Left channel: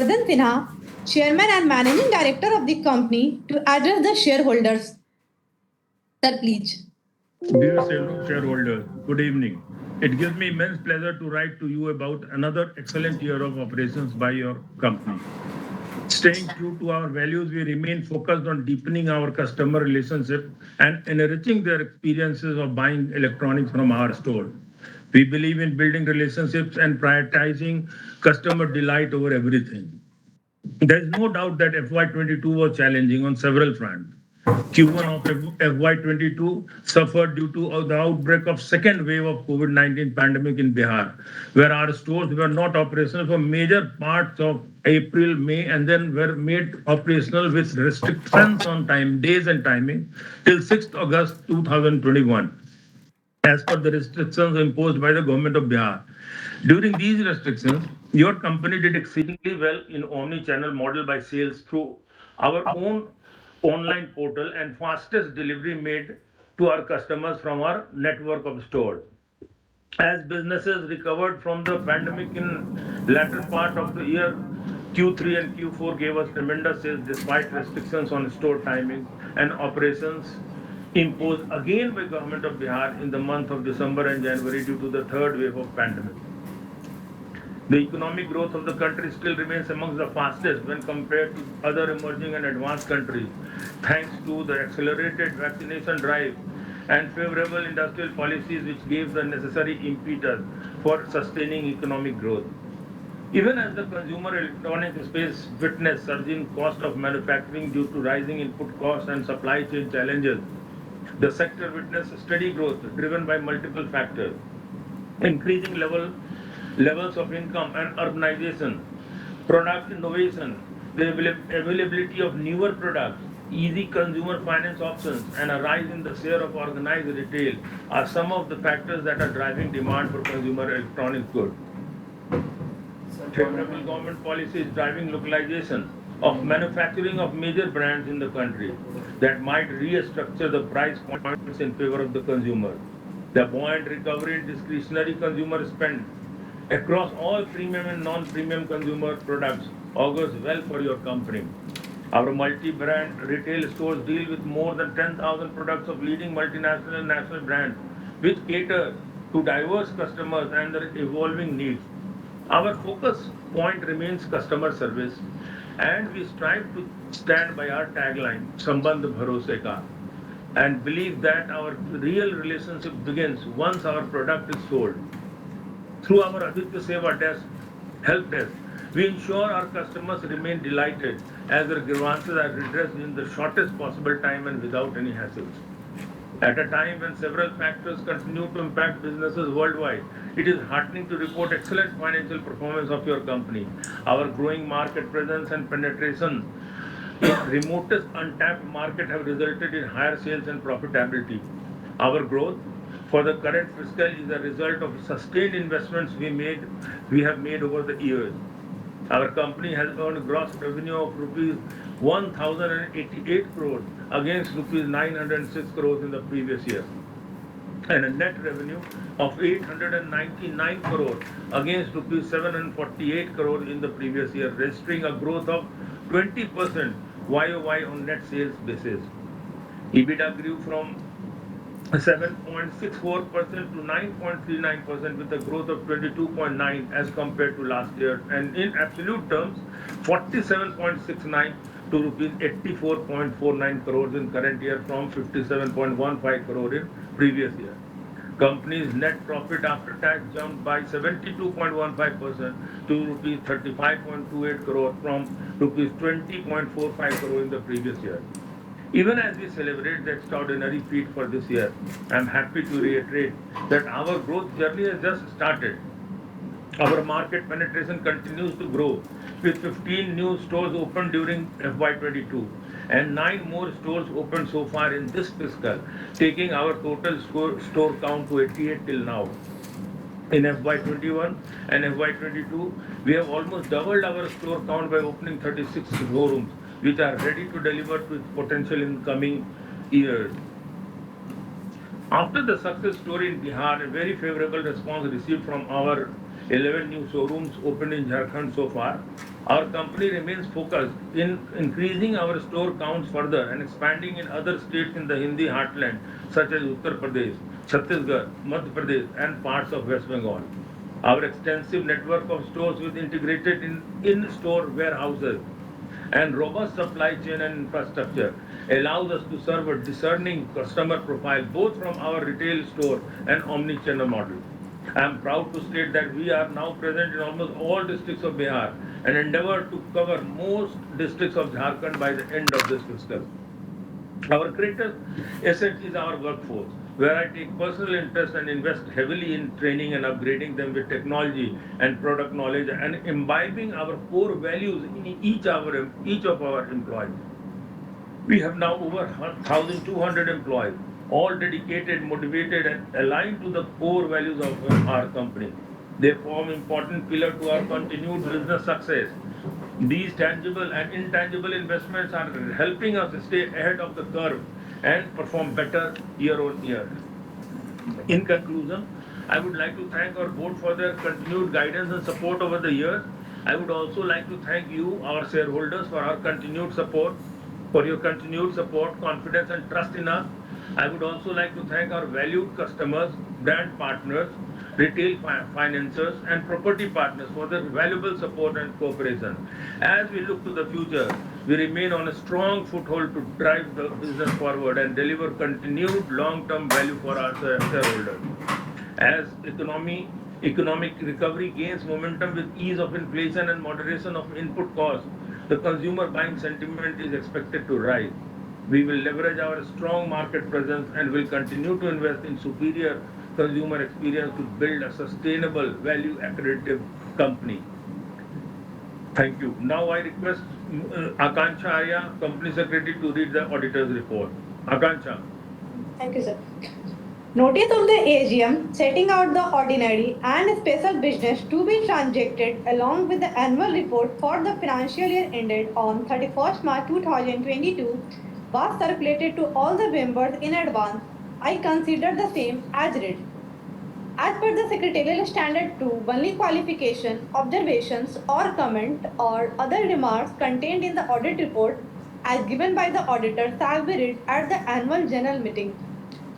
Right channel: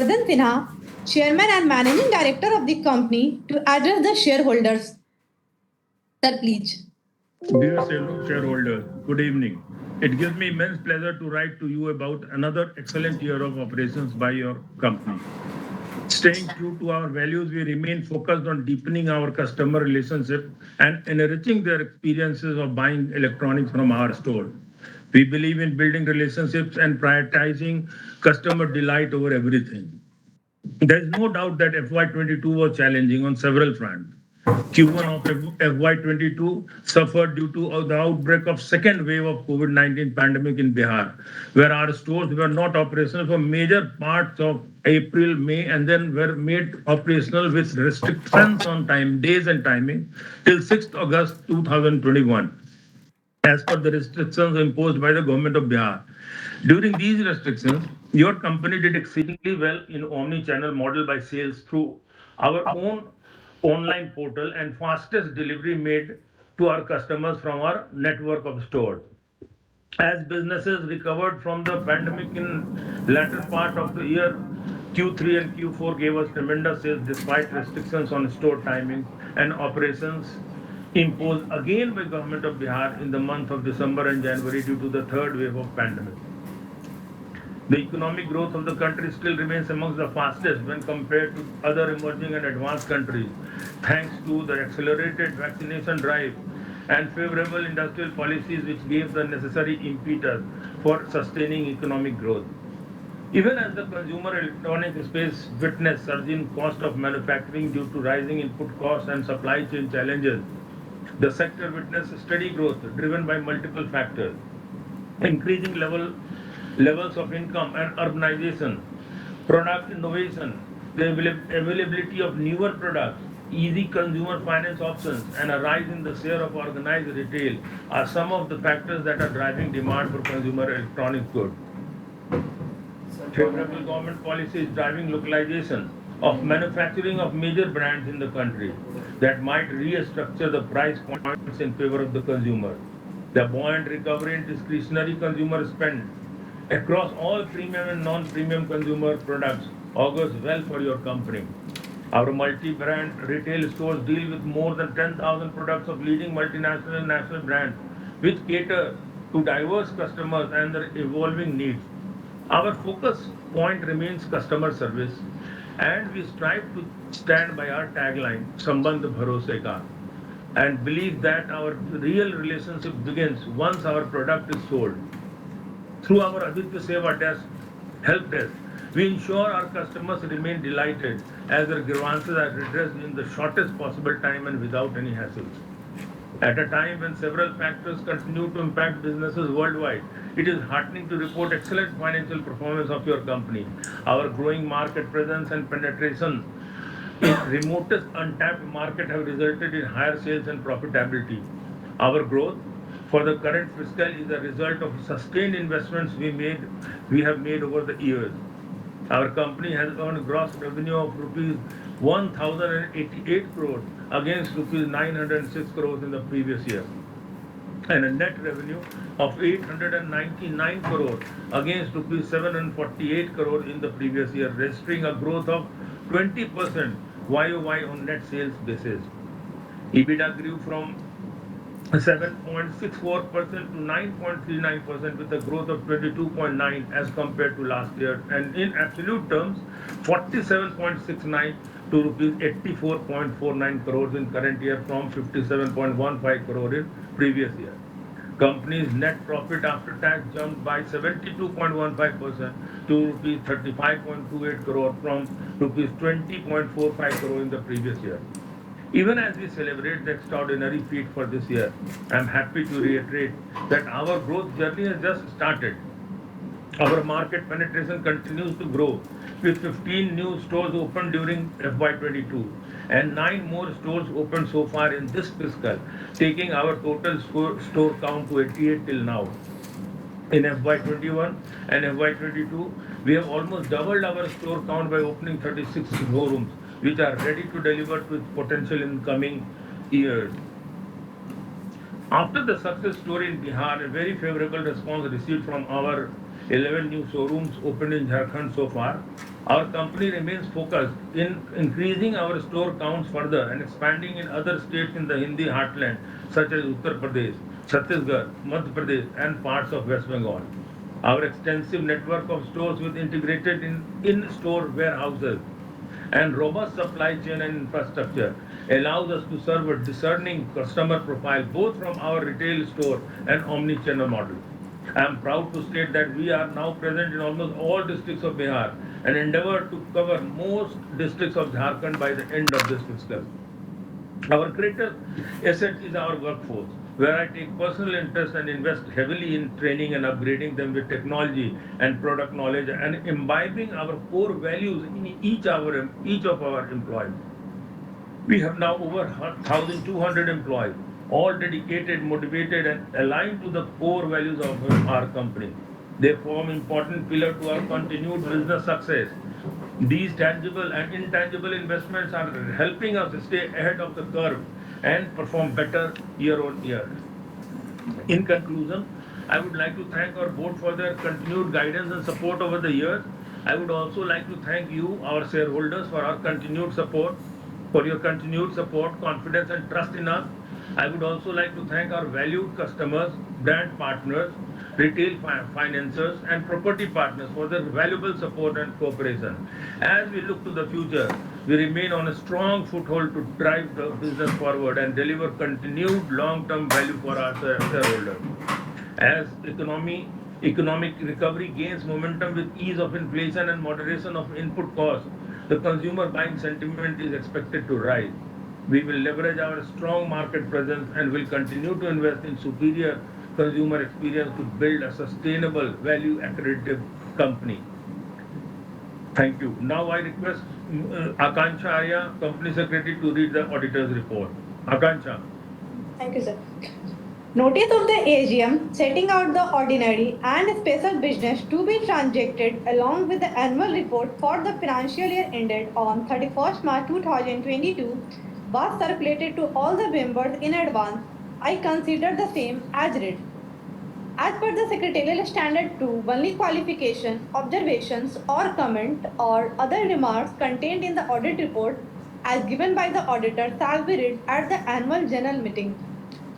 Sinha, Chairman and Managing Director of the company, to address the shareholders. Sir, please. Dear shareholders, good evening. It gives me immense pleasure to write to you about another excellent year of operations by your company. Staying true to our values, we remain focused on deepening our customer relationship and enriching their experiences of buying electronics from our store. We believe in building relationships and prioritizing customer delight over everything. There is no doubt that FY22 was challenging on several fronts. Q1 of FY22 suffered due to the outbreak of second wave of COVID-19 pandemic in Bihar, where our stores were not operational for major parts of April, May, and then were made operational with restrictions on time, days and timing till 6th August 2021 as per the restrictions imposed by the government of Bihar. During these restrictions, your company did exceedingly well in omni-channel model by sales through our own online portal and fastest delivery made to our customers from our network of stores. As businesses recovered from the pandemic in latter part of the year, Q3 and Q4 gave us tremendous sales despite restrictions on store timings and operations imposed again by government of Bihar in the month of December and January due to the third wave of pandemic. The economic growth of the country still remains amongst the fastest when compared to other emerging and advanced countries, thanks to the accelerated vaccination drive and favorable industrial policies which gave the necessary impetus for sustaining economic growth. Even as the consumer electronics space witnessed surging cost of manufacturing due to rising input costs and supply chain challenges, the sector witnessed steady growth driven by multiple factors, increasing levels of income and urbanization, product innovation, the availability of newer products, easy consumer finance options, and a rise in the share of organized retail are some of the factors that are driving demand for consumer electronics goods. Favorable government policies driving localization of manufacturing of major brands in the country that might restructure the price points in favor of the consumer. The buoyant recovery in discretionary consumer spend across all premium and non-premium consumer products augurs well for your company. Our multi-brand retail stores deal with more than 10,000 products of leading multinational and national brands, which cater to diverse customers and their evolving needs. Our focus point remains customer service, and we strive to stand by our tagline, Sambandh Bharose Ka, and believe that our real relationship begins once our product is sold. Through our Aditya Seva desk, help desk, we ensure our customers remain delighted as their grievances are redressed in the shortest possible time and without any hassles. At a time when several factors continue to impact businesses worldwide, it is heartening to report excellent financial performance of your company. Our growing market presence and penetration in remotest untapped market have resulted in higher sales and profitability. Our growth for the current fiscal is a result of sustained investments we have made over the years. Our company has earned a gross revenue of rupees 1,088 crores against rupees 906 crores in the previous year, and a net revenue of 899 crores against rupees 748 crores in the previous year, registering a growth of 20% YOY on net sales basis. EBITDA grew from 7.64% to 9.39% with a growth of 22.9 as compared to last year, and in absolute terms 47.69 to rupees 84.49 crores in current year from 57.15 crore in previous year. Company's net profit after tax jumped by 72.15% to rupees 35.28 crore from rupees 20.45 crore in the previous year. Even as we celebrate the extraordinary feat for this year, I am happy to reiterate that our growth journey has just started. Our market penetration continues to grow with 15 new stores opened during FY22 and 9 more stores opened so far in this fiscal, taking our total store count to 88 till now. In FY21 and FY22, we have almost doubled our store count by opening 36 showrooms, which are ready to deliver with potential in coming years. After the success story in Bihar, a very favorable response received from our 11 new showrooms opened in Jharkhand so far. Our company remains focused in increasing our store counts further and expanding in other states in the Hindi heartland, such as Uttar Pradesh, Chhattisgarh, Madhya Pradesh, and parts of West Bengal. Our extensive network of stores with integrated in-store warehouses and robust supply chain and infrastructure allows us to serve a discerning customer profile both from our retail store and omni-channel model. I am proud to state that we are now present in almost all districts of Bihar and endeavor to cover most districts of Jharkhand by the end of this fiscal. Our greatest asset is our workforce, where I take personal interest and invest heavily in training and upgrading them with technology and product knowledge and imbibing our core values in each of our employees. We have now over 1,200 employees, all dedicated, motivated, and aligned to the core values of our company. They form important pillar to our continued business success. These tangible and intangible investments are helping us stay ahead of the curve and perform better year on year. In conclusion, I would like to thank our board for their continued guidance and support over the years. I would also like to thank you, our shareholders, for your continued support, confidence, and trust in us. I would also like to thank our valued customers, brand partners, retail financiers, and property partners for their valuable support and cooperation. As we look to the future, we remain on a strong foothold to drive the business forward and deliver continued long-term value for our shareholders. As economic recovery gains momentum with ease of inflation and moderation of input costs, the consumer buying sentiment is expected to rise. We will leverage our strong market presence and will continue to invest in superior consumer experience to build a sustainable, value accretive company. Thank you. Now I request Akanksha Arya, Company Secretary, to read the auditor's report. Akanksha. Thank you, sir. Notice of the AGM setting out the ordinary and special business to be transacted along with the annual report for the financial year ended on 31st March 2022 was circulated to all the members in advance. I consider the same as read. As per the secretarial standard 2, only qualification, observations or comment or other remarks contained in the audit report as given by the auditor shall be read at the annual general meeting.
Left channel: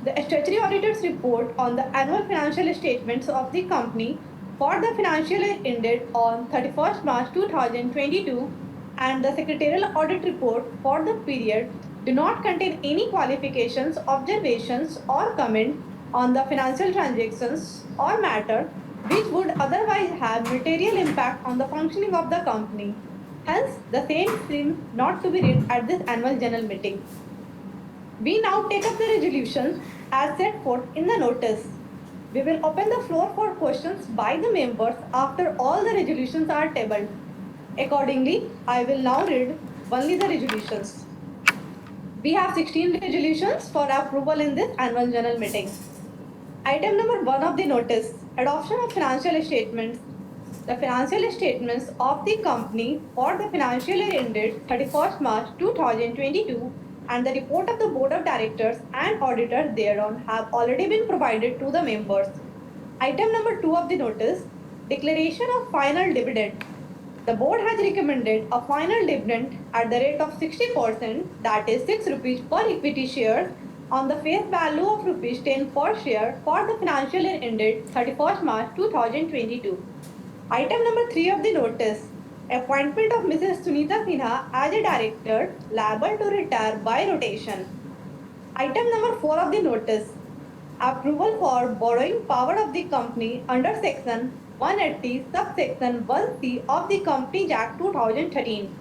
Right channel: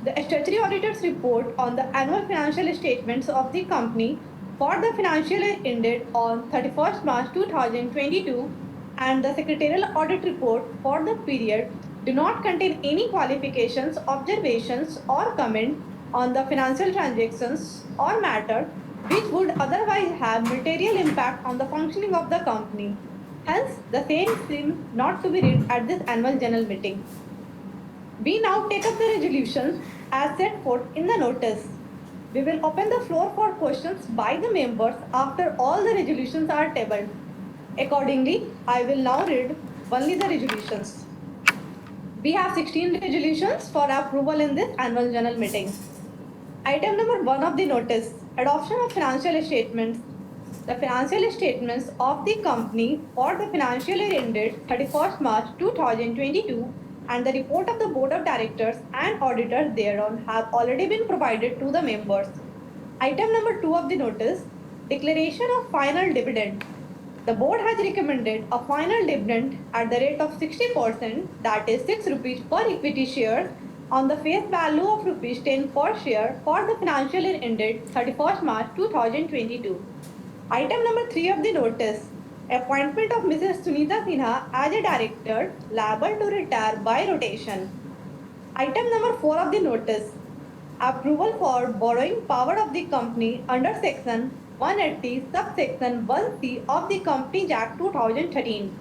The statutory auditor's report on the annual financial statements of the company for the financial year ended on 31st March 2022 and the secretarial audit report for the period do not contain any qualifications, observations or comment on the financial transactions or matter which would otherwise have material impact on the functioning of the company. Hence, the same seems not to be read at this annual general meeting. We now take up the resolutions as set forth in the notice. We will open the floor for questions by the members after all the resolutions are tabled. Accordingly, I will now read only the resolutions. We have 16 resolutions for approval in this annual general meeting. Item number 1 of the notice, adoption of financial statements. The financial statements of the company for the financial year ended 31st March 2022 and the report of the board of directors and auditors thereon have already been provided to the members. Item number 2 of the notice, declaration of final dividend. The board has recommended a final dividend at the rate of 60%, that is 6 rupees per equity share on the face value of rupees 10 per share for the financial year ended 31st March 2022. Item number 3 of the notice, appointment of Mrs. Sunita Sinha as a director liable to retire by rotation. Item number 4 of the notice, approval for borrowing power of the company under section 180 subsection 1C of the Companies Act 2013.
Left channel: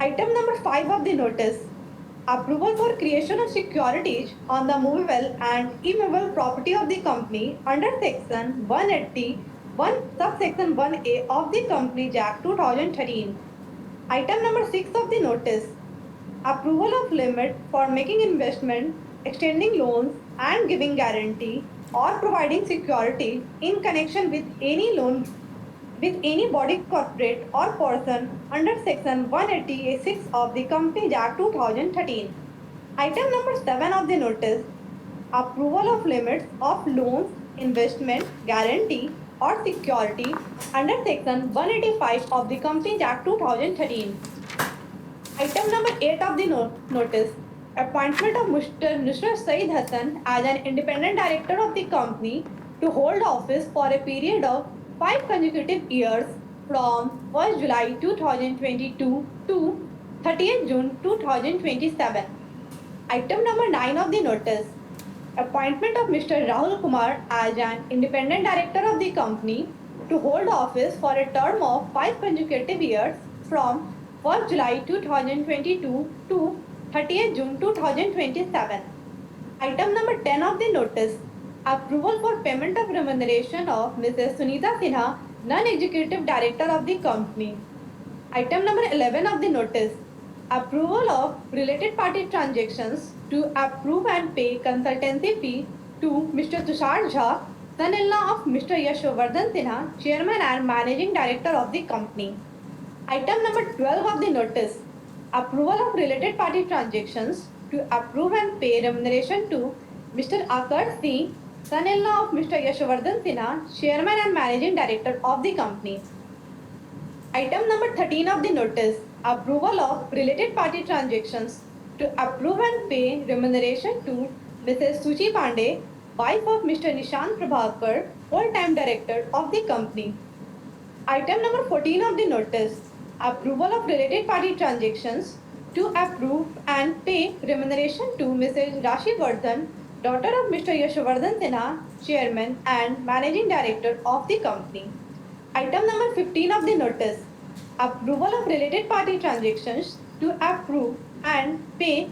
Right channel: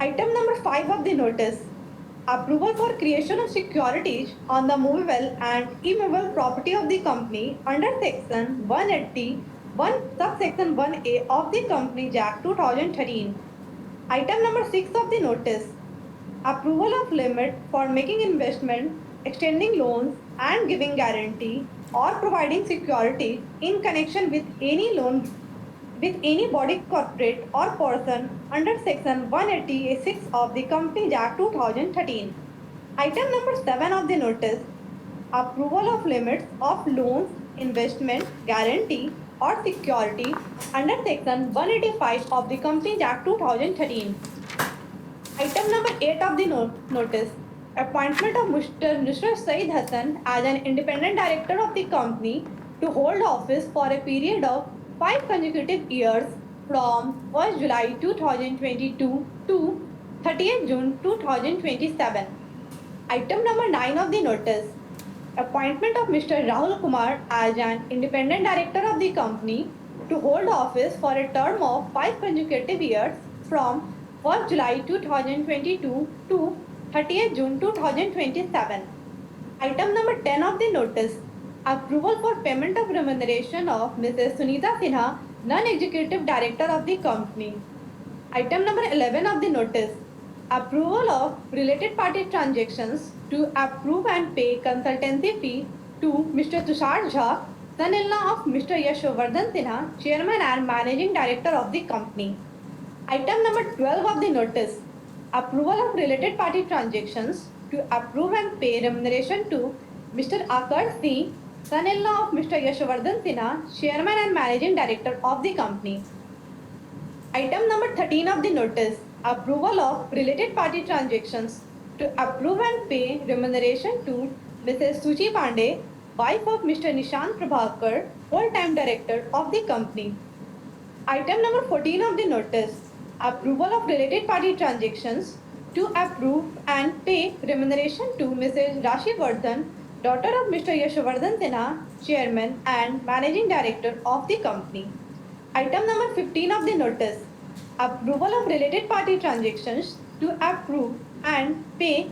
Item number 5 of the notice, approval for creation of securities on the movable and immovable property of the company under section 180 subsection 1A of the Companies Act 2013. Item number 6 of the notice, approval of limit for making investment, extending loans and giving guarantee or providing security in connection with any loan with any body corporate or person under section 186 of the Companies Act 2013. Item number 7 of the notice, approval of limits of loans, investment, guarantee or security under Section 185 of the Companies Act 2013. Item number 8 of the notice. Appointment of Mr. Nusrat Saeed Hassan as an independent director of the company to hold office for a period of 5 consecutive years from 1st July 2022 to 30th June 2027. Item number 9 of the notice. Appointment of Mr. Rahul Kumar as an independent director of the company to hold office for a term of 5 consecutive years from 1st July 2022 to 30th June 2027. Item number 10 of the notice. Approval for payment of remuneration of Mrs. Sunita Sinha, non-executive director of the company. Item number 11 of the notice. Approval of related party transactions to approve and pay consultancy fee to Mr. Tushar Jha, son-in-law of Mr. Yashovardhan Sinha, chairman and managing director of the company. Item number 12 of the notice. Approval of related party transactions to approve and pay remuneration to Mr. Akar Singh, son-in-law of Mr. Yashovardhan Sinha, chairman and managing director of the company. Item number 13 of the notice. Approval of related party transactions to approve and pay remuneration to Mrs. Suchi Pandey, wife of Mr. Nishant Prabhakar, full-time director of the company. Item number 14 of the notice. Approval of related party transactions to approve and pay remuneration to Mrs. Rashi Vardhan, daughter of Mr. Yashovardhan Sinha, chairman and managing director of the company. Item number 15 of the notice. Approval of related party transactions to approve and pay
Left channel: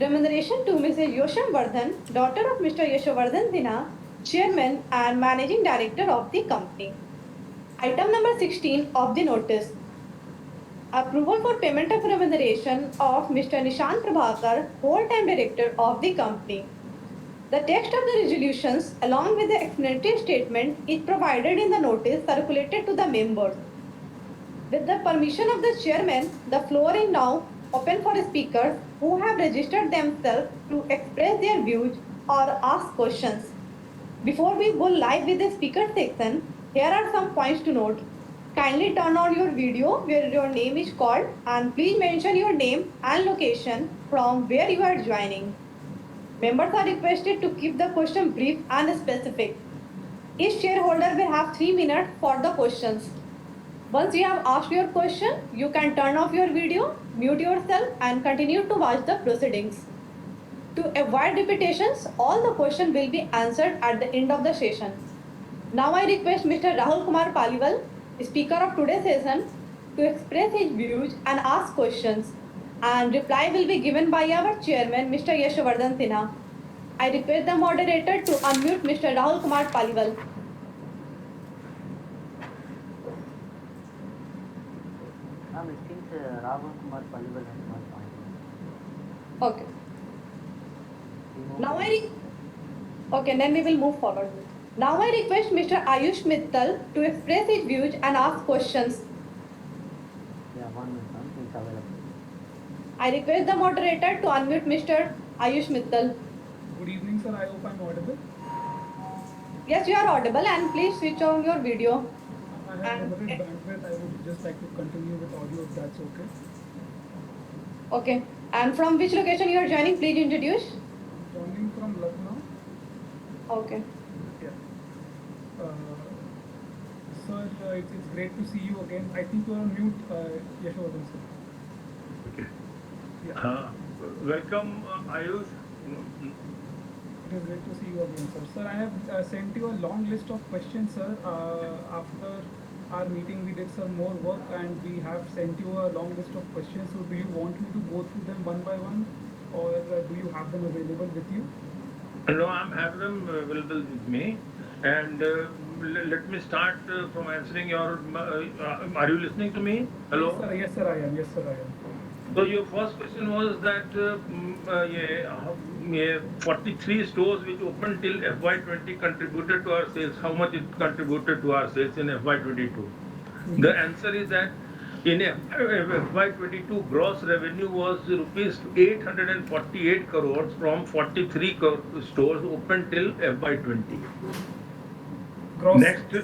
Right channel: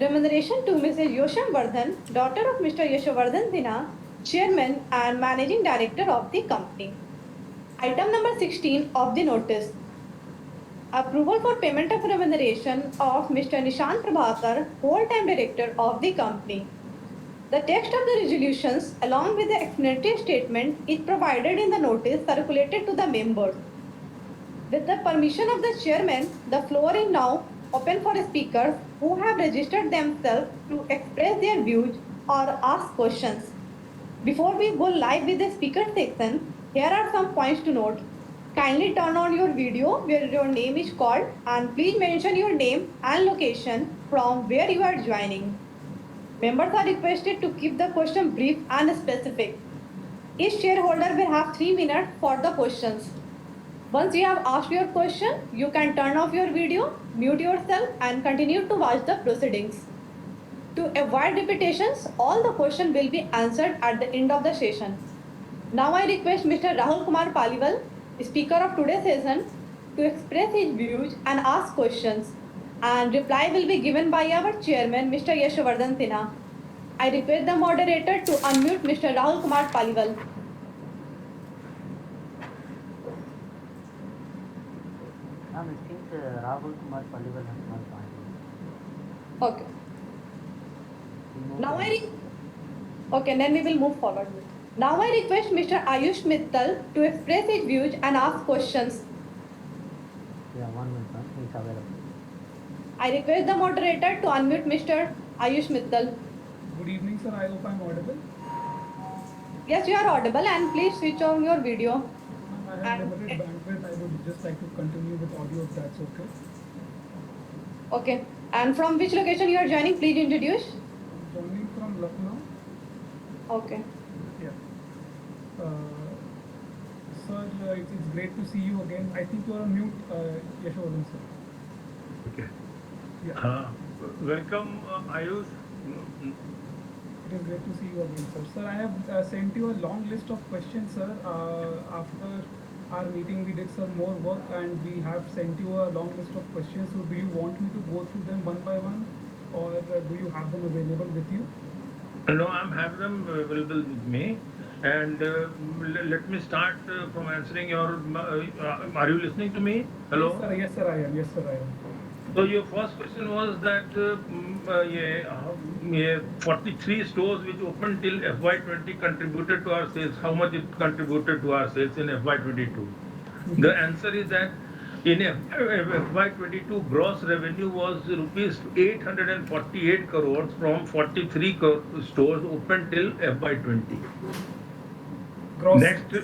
remuneration to Mrs. Yosham Vardhan, daughter of Mr. Yashovardhan Sinha, chairman and managing director of the company. Item number 16 of the notice. Approval for payment of remuneration of Mr. Nishant Prabhakar, whole-time director of the company. The text of the resolutions along with the explanatory statement is provided in the notice circulated to the members. With the permission of the chairman, the floor is now open for speakers who have registered themselves to express their views or ask questions. Before we go live with the speaker section, here are some points to note. Kindly turn on your video where your name is called and please mention your name and location from where you are joining. Members are requested to keep the question brief and specific. Each shareholder will have 3 minutes for the questions. Once you have asked your question, you can turn off your video, mute yourself and continue to watch the proceedings. To avoid repetitions, all the questions will be answered at the end of the session. Now I request Mr. Rahul Kumar Paliwal, speaker of today's session, to express his views and ask questions. And reply will be given by our chairman, Mr. Yashovardhan Sinha. I request the moderator to unmute Mr. Rahul Kumar Paliwal. I think Rahul Kumar Paliwal has not found. Okay. Now okay, then we will move forward. Now I request Mr. Ayush Mittal to express his views and ask questions. Yeah, 1 minute, it's available. I request the moderator to unmute Mr. Ayush Mittal. Good evening, sir. I hope I'm audible. Yes, you are audible and please switch on your video. I have limited bandwidth. I would just like to continue with audio if that's okay. Okay. And from which location you are joining, please introduce. Joining from Lucknow. Okay. Yeah. Sir, it's great to see you again. I think you are on mute, Yashovardhan, sir. Okay. Yeah. Welcome, Ayush. It is great to see you again, sir. Sir, I have sent you a long list of questions, sir. After our meeting, we did some more work and we have sent you a long list of questions. So, do you want me to go through them one by one, or do you have them available with you? No, I'm having them available with me. And let me start from answering your. Are you listening to me? Hello? Yes, sir. Yes, sir, I am. Yes, sir, I am. So your first question was that 43 stores which opened till FY20 contributed to our sales. How much it contributed to our sales in FY22? The answer is that in FY22 gross revenue was rupees 848 crores from 43 stores opened till FY20. Gross. Next,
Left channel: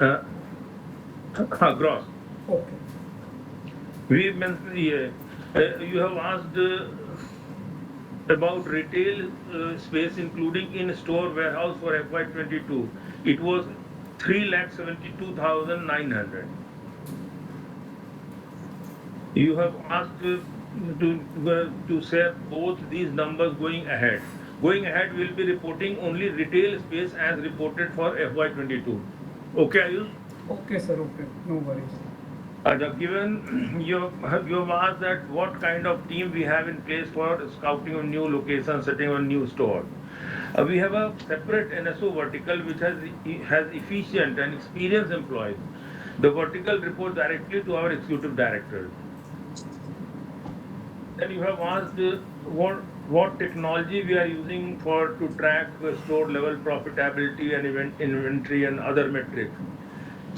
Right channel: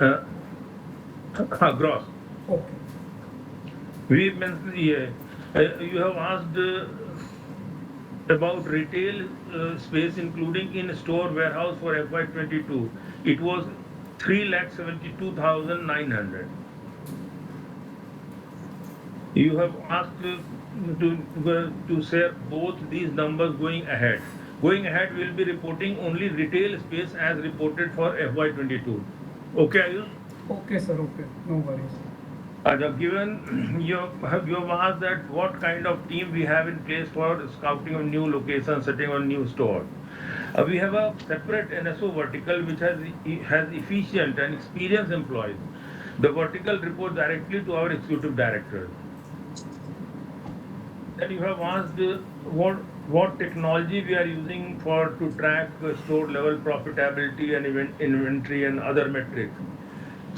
uh, gross. Okay. We mentioned here, you have asked about retail space, including in-store warehouse for FY22. It was 3,72,900. You have asked to share both these numbers going ahead. Going ahead, we'll be reporting only retail space as reported for FY22. Okay, Ayush? Okay, sir. Okay. No worries. Given you have asked that what kind of team we have in place for scouting of new locations, setting on new store. We have a separate NSO vertical which has efficient and experienced employees. The vertical reports directly to our executive directors. Then you have asked what technology we are using for to track store level profitability and inventory and other metrics.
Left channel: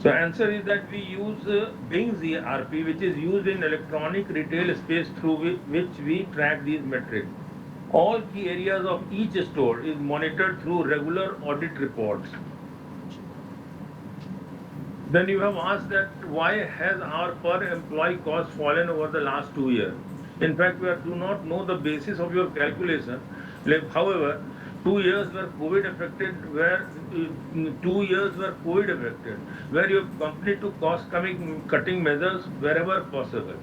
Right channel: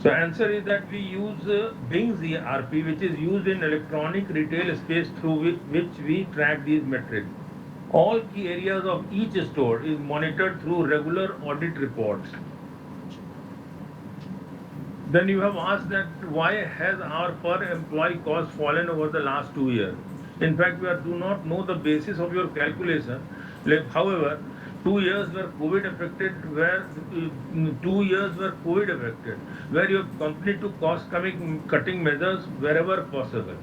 The answer is that we use Bing's ERP, which is used in electronic retail space through which we track these metrics. All key areas of each store is monitored through regular audit reports. Then you have asked that why has our per employee cost fallen over the last 2 years? In fact, we do not know the basis of your calculation. However, 2 years were COVID affected, where 2 years were COVID affected, where your company took cost cutting measures wherever possible.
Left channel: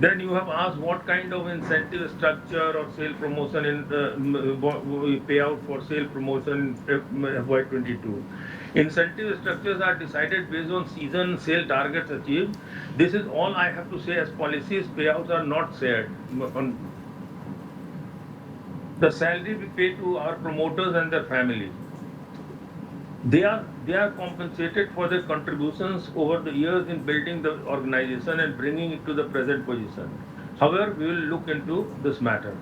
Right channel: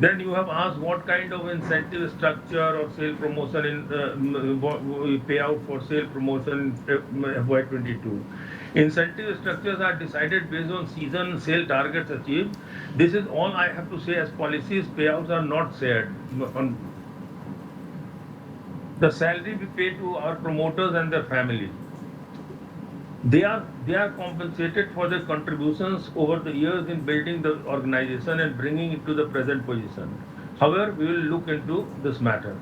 Then you have asked what kind of incentive structure or sale promotion payout for sale promotion in FY22. Incentive structures are decided based on season sale targets achieved. This is all I have to say as policies. Payouts are not shared. The salary we pay to our promoters and their families. They are compensated for their contributions over the years in building the organization and bringing it to the present position. However, we will look into this matter.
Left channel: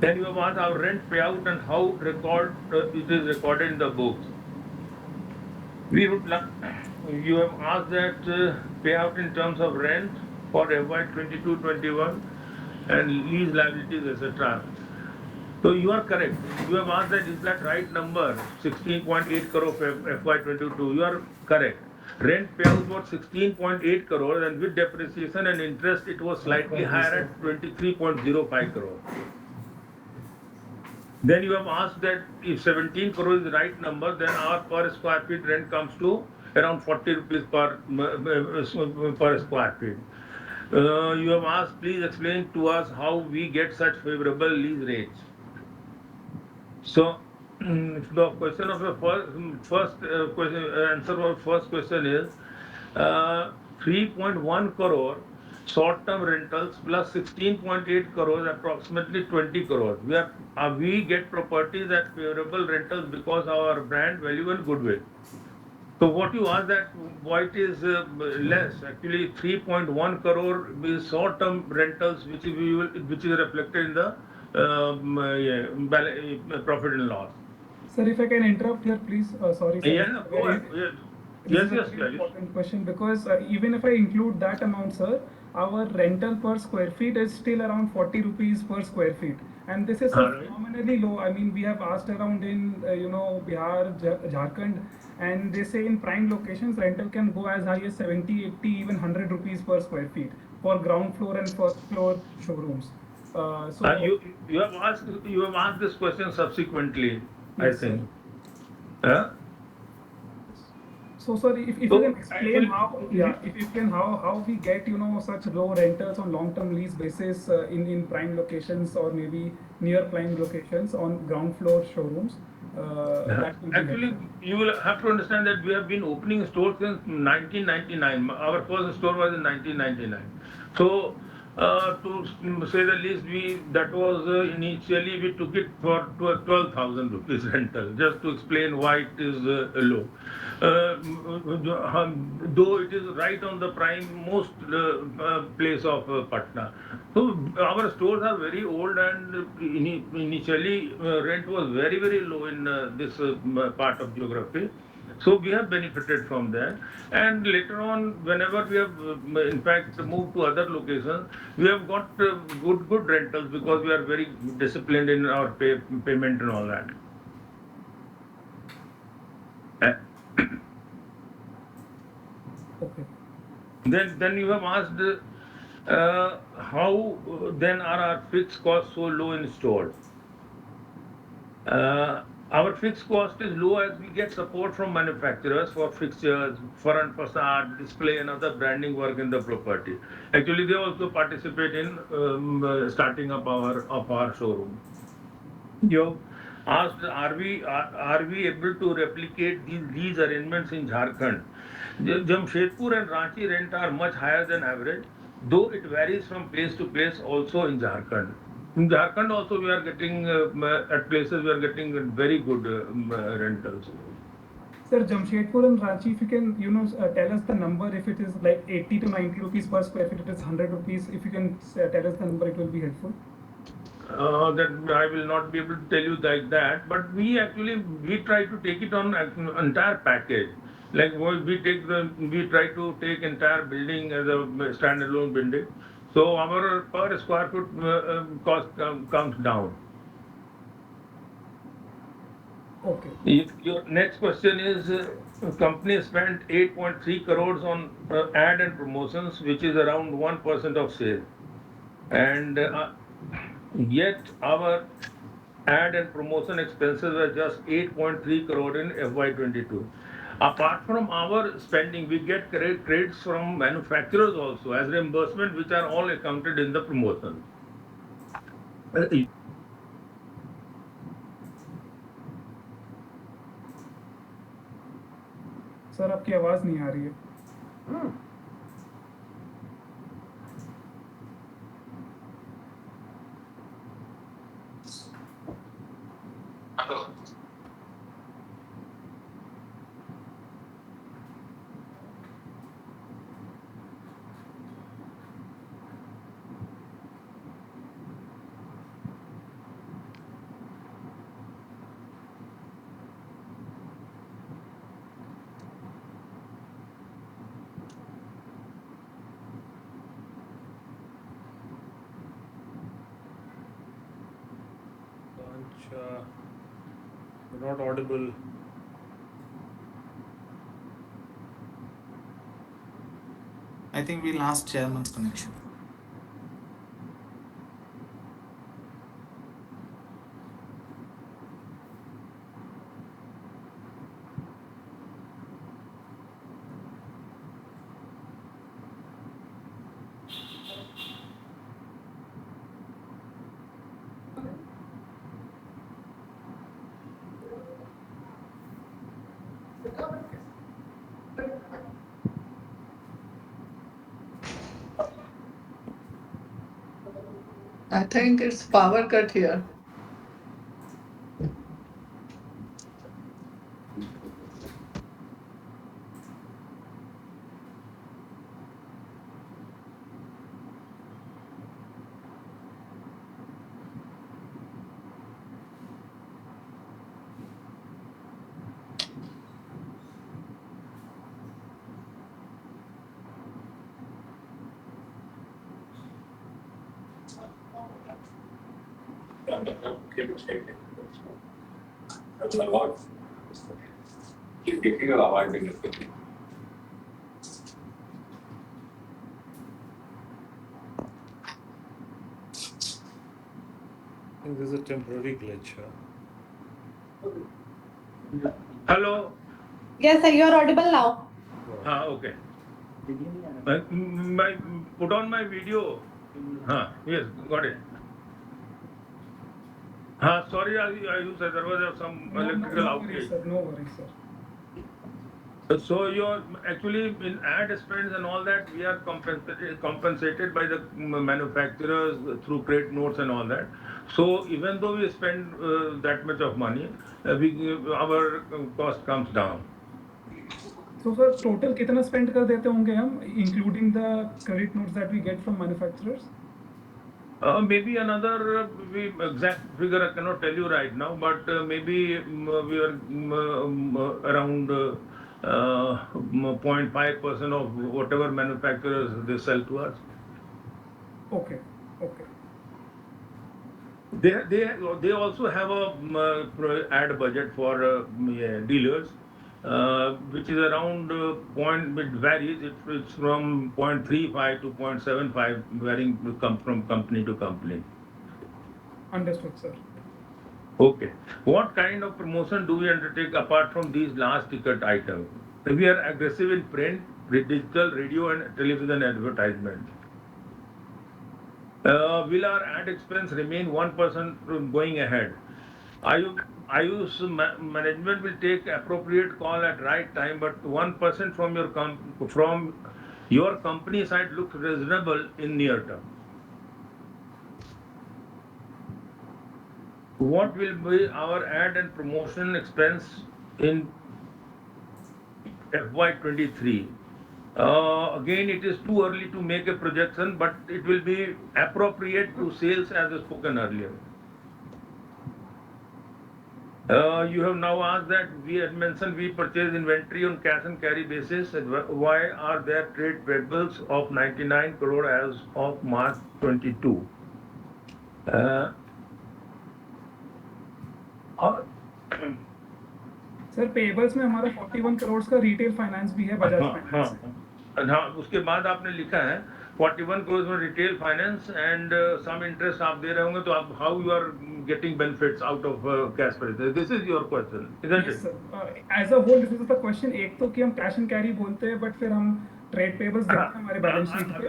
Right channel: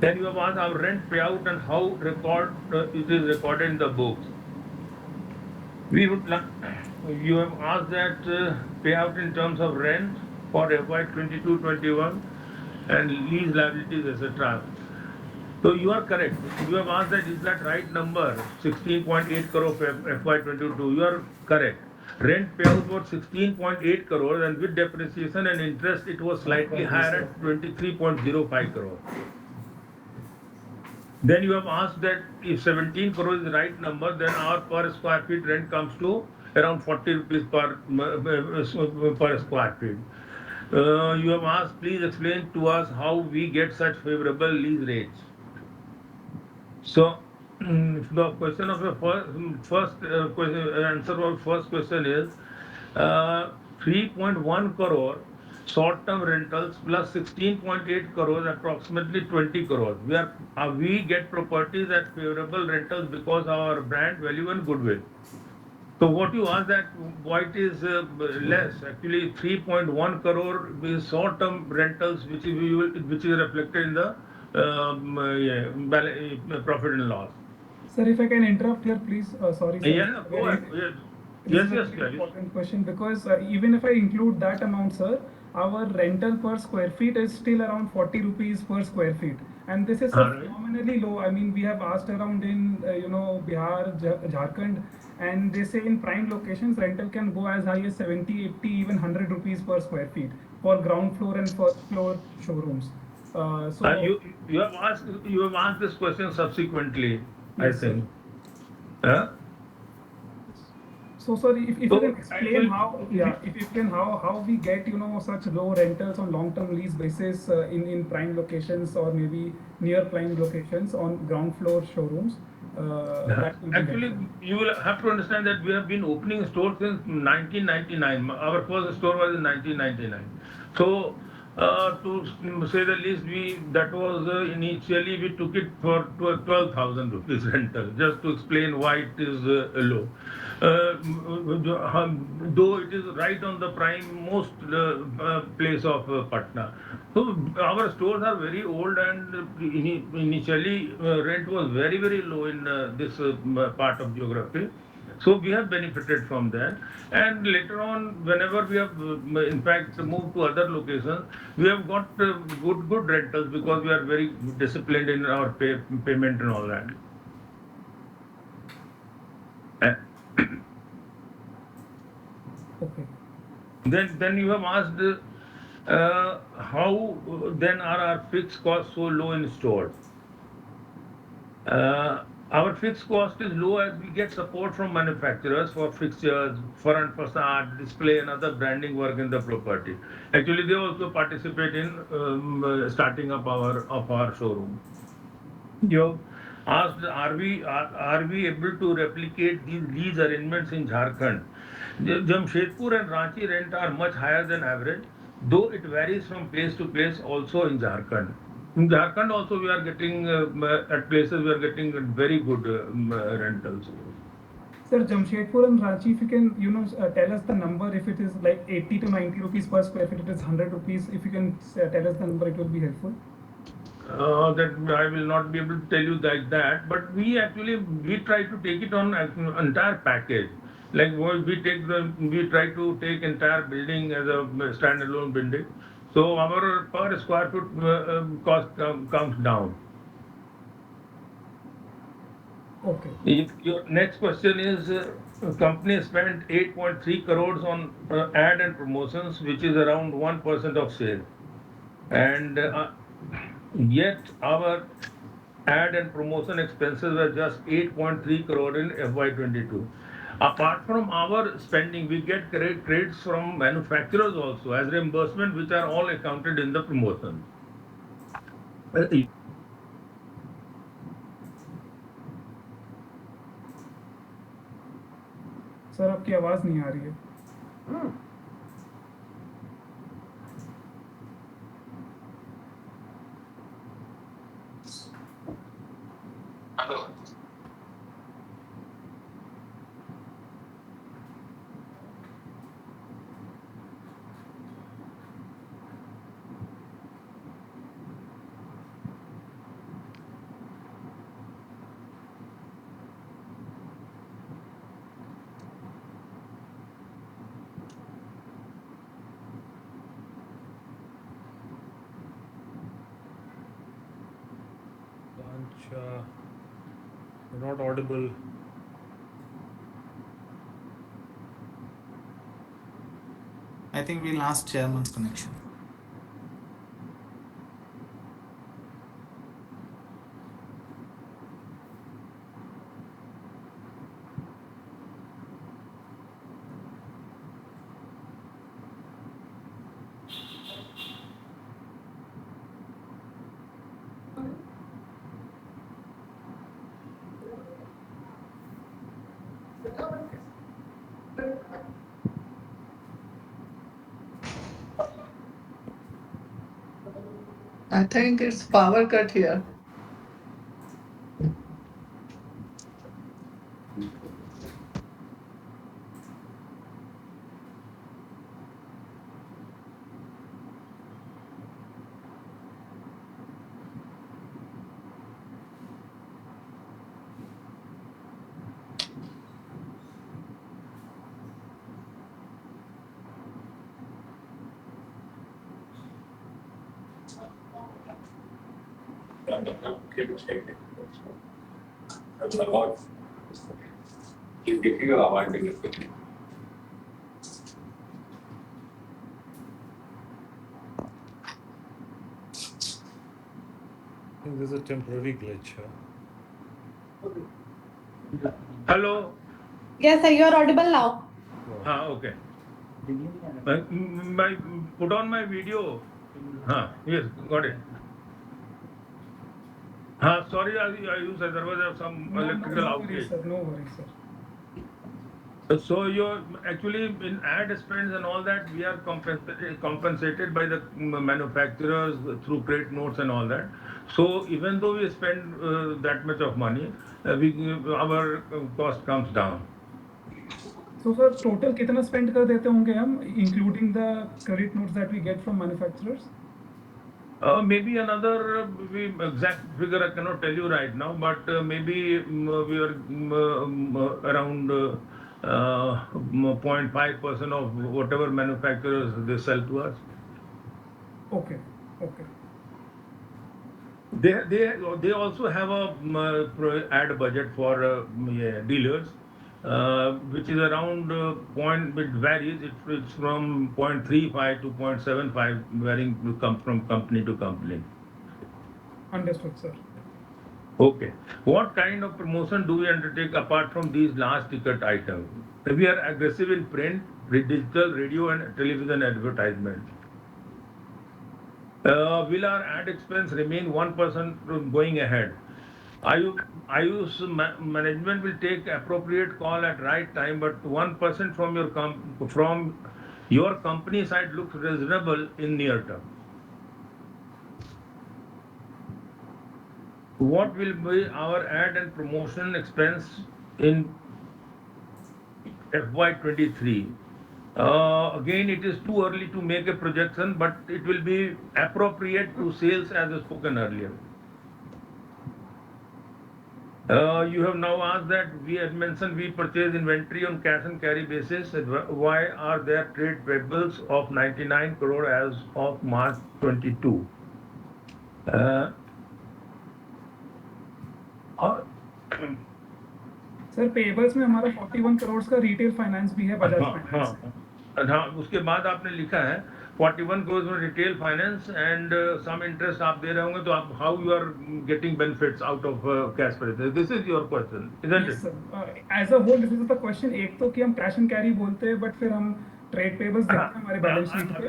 Then you have asked our rent payout and how it is recorded in the books. We would you have asked that payout in terms of rent for FY22-21 and lease liabilities, etc. So you are correct. You have asked that is that right number, 16.8 crore for FY22. You are correct. Rent payout was 16.8 crore and with depreciation and interest it was slightly higher at 23.05 crore. Then you have asked that if 17 crore is the right number, then our per square feet rent comes to around 40 rupees per square feet. You have asked, please explain to us how we get such favorable lease rates. So, the question of the first question, answer for first question is 3.1 crore short-term rentals plus 16.8 crores, approximately 20 crores. We get properties at favorable rentals because our brand value and goodwill. So what you ask that why it is less? Actually, 3.1 crore is short-term rentals, which is reflected in the profit and loss. Sir, if I can interrupt here, please. Sorry, sir. Yeah, go ahead. This Yes, is a yes, very yes. important question because even if I include that amount, sir, our rental per square feet is still around 40 rupees per square feet, and this is Right. phenomenally low. I mean, we have asked around in Bihar, Jharkhand, and they say in prime locations rental can go as high as 70, 80, even 100 rupees per square feet for ground floor and first floor showrooms. So You have asked this question subsequently, I yes, sir. think. Huh? So sorry, if you can So explain actually, how, yeah, if you can how we get such low rentals on long-term lease basis in prime locations or maybe near prime locations on ground floor showrooms, that will be actually, helpful. you will have to understand that we have been opening stores since 1999. Our first store was in 1999. So, to say the least, that was initially we took it for 12,000 rupees rental, just to explain why it is low. Though it is right on the prime most place of Patna. So our stores are very old, and initially rent was very very low in this part of geography. So we have benefited from that, and later on, whenever we have, in fact, moved to other locations, we have got good rentals because we are very disciplined in our payment and all that. Okay. Then you have asked how then are our fixed costs so low in store? Our fixed cost is low as we get support from manufacturers for fixtures, front facade, display, and other branding work in the property. Actually, they also participate in starting up our showroom. You asked, are we able to replicate these lease arrangements in Jharkhand? Jamshedpur and Ranchi rent are much higher than average, though it varies from place to place also in Jharkhand. In Jharkhand also we are getting, at places we are getting very good rentals. Sir, Jamshedpur and Ranchi, if you can, tell us the number. If it is like 80 to 90 rupees per square feet, it is 100 rupees. If you can tell us the number, it will be helpful. That I will not be able to tell you like that, but we try to take it on entire package. Like we try to take entire building as a standalone building. So our per square foot cost comes down. Okay. Your next question is, company spent 8.3 crores on ad and promotions, which is around 1% of sale. And yet our ad and promotion expenses were just 8.3 crore in FY22. Apart from our spending, we get credits from manufacturers also as reimbursement, which are all accounted in the promotion. Uh, sir आपकी आवाज़ नहीं आ रही है. Not audible. I think we lost chairman's connection. I think it's power cut here. I think there's a temporary glitch here. Hello. Yes, sir, you are audible now. Okay. Put on my video. Yes, got it. Sorry, there was some electrical No worries, outage. sir. No worries, sir. So you're actually in ad spends and all that, we are compensated by the manufacturers through credit notes and all that. So even though we spend that much of money, our cost comes down. So sir, total कितना spend कर देते होंगे हम, including the credit notes that we get from manufacturers? Maybe another exact figure I cannot tell you right now, but maybe we are around 0.5% of whatever manufacturers they sell to us. Okay. Okay. They also have a ad budget for dealers, which is around point, it varies. It's from 0.35 to 0.75, varying from company to company. Understood, sir. Okay. What kind of promotion do we undertake apart from these large ticket items? We are aggressive in print, digital, radio, and television advertisement. Will our ad expense remain 1% from going ahead? Ayush management will take appropriate call at right time, but 1% from your company side looks reasonable in near term. What will be our ad and promotion expense in FY23? Again, it is too early to make a projection, but it will be appropriate to sales as spoken earlier. You have now asked that we had mentioned we purchase inventory on cash and carry basis. Why are there trade payables of 99 crore as of March 22? Uh, और- sir pebbles में हमारा 41 करोड़ का retail finance भी है बजाज हाँ finance हाँ हाँ, उसके बाद आपने लिखा है 41 crores में retail finance and some interest आप दे रहे होंगे, तो आप how you are getting benefits out of cash purchase? This is your question, isn't yes it? Sir as a whole this is the question. एक तो कि हम कैश एंड कैरी बोलते हैं बट फिर हम ट्रेड पेबल्स देखते हैं हमारे बैलेंस शीट पे।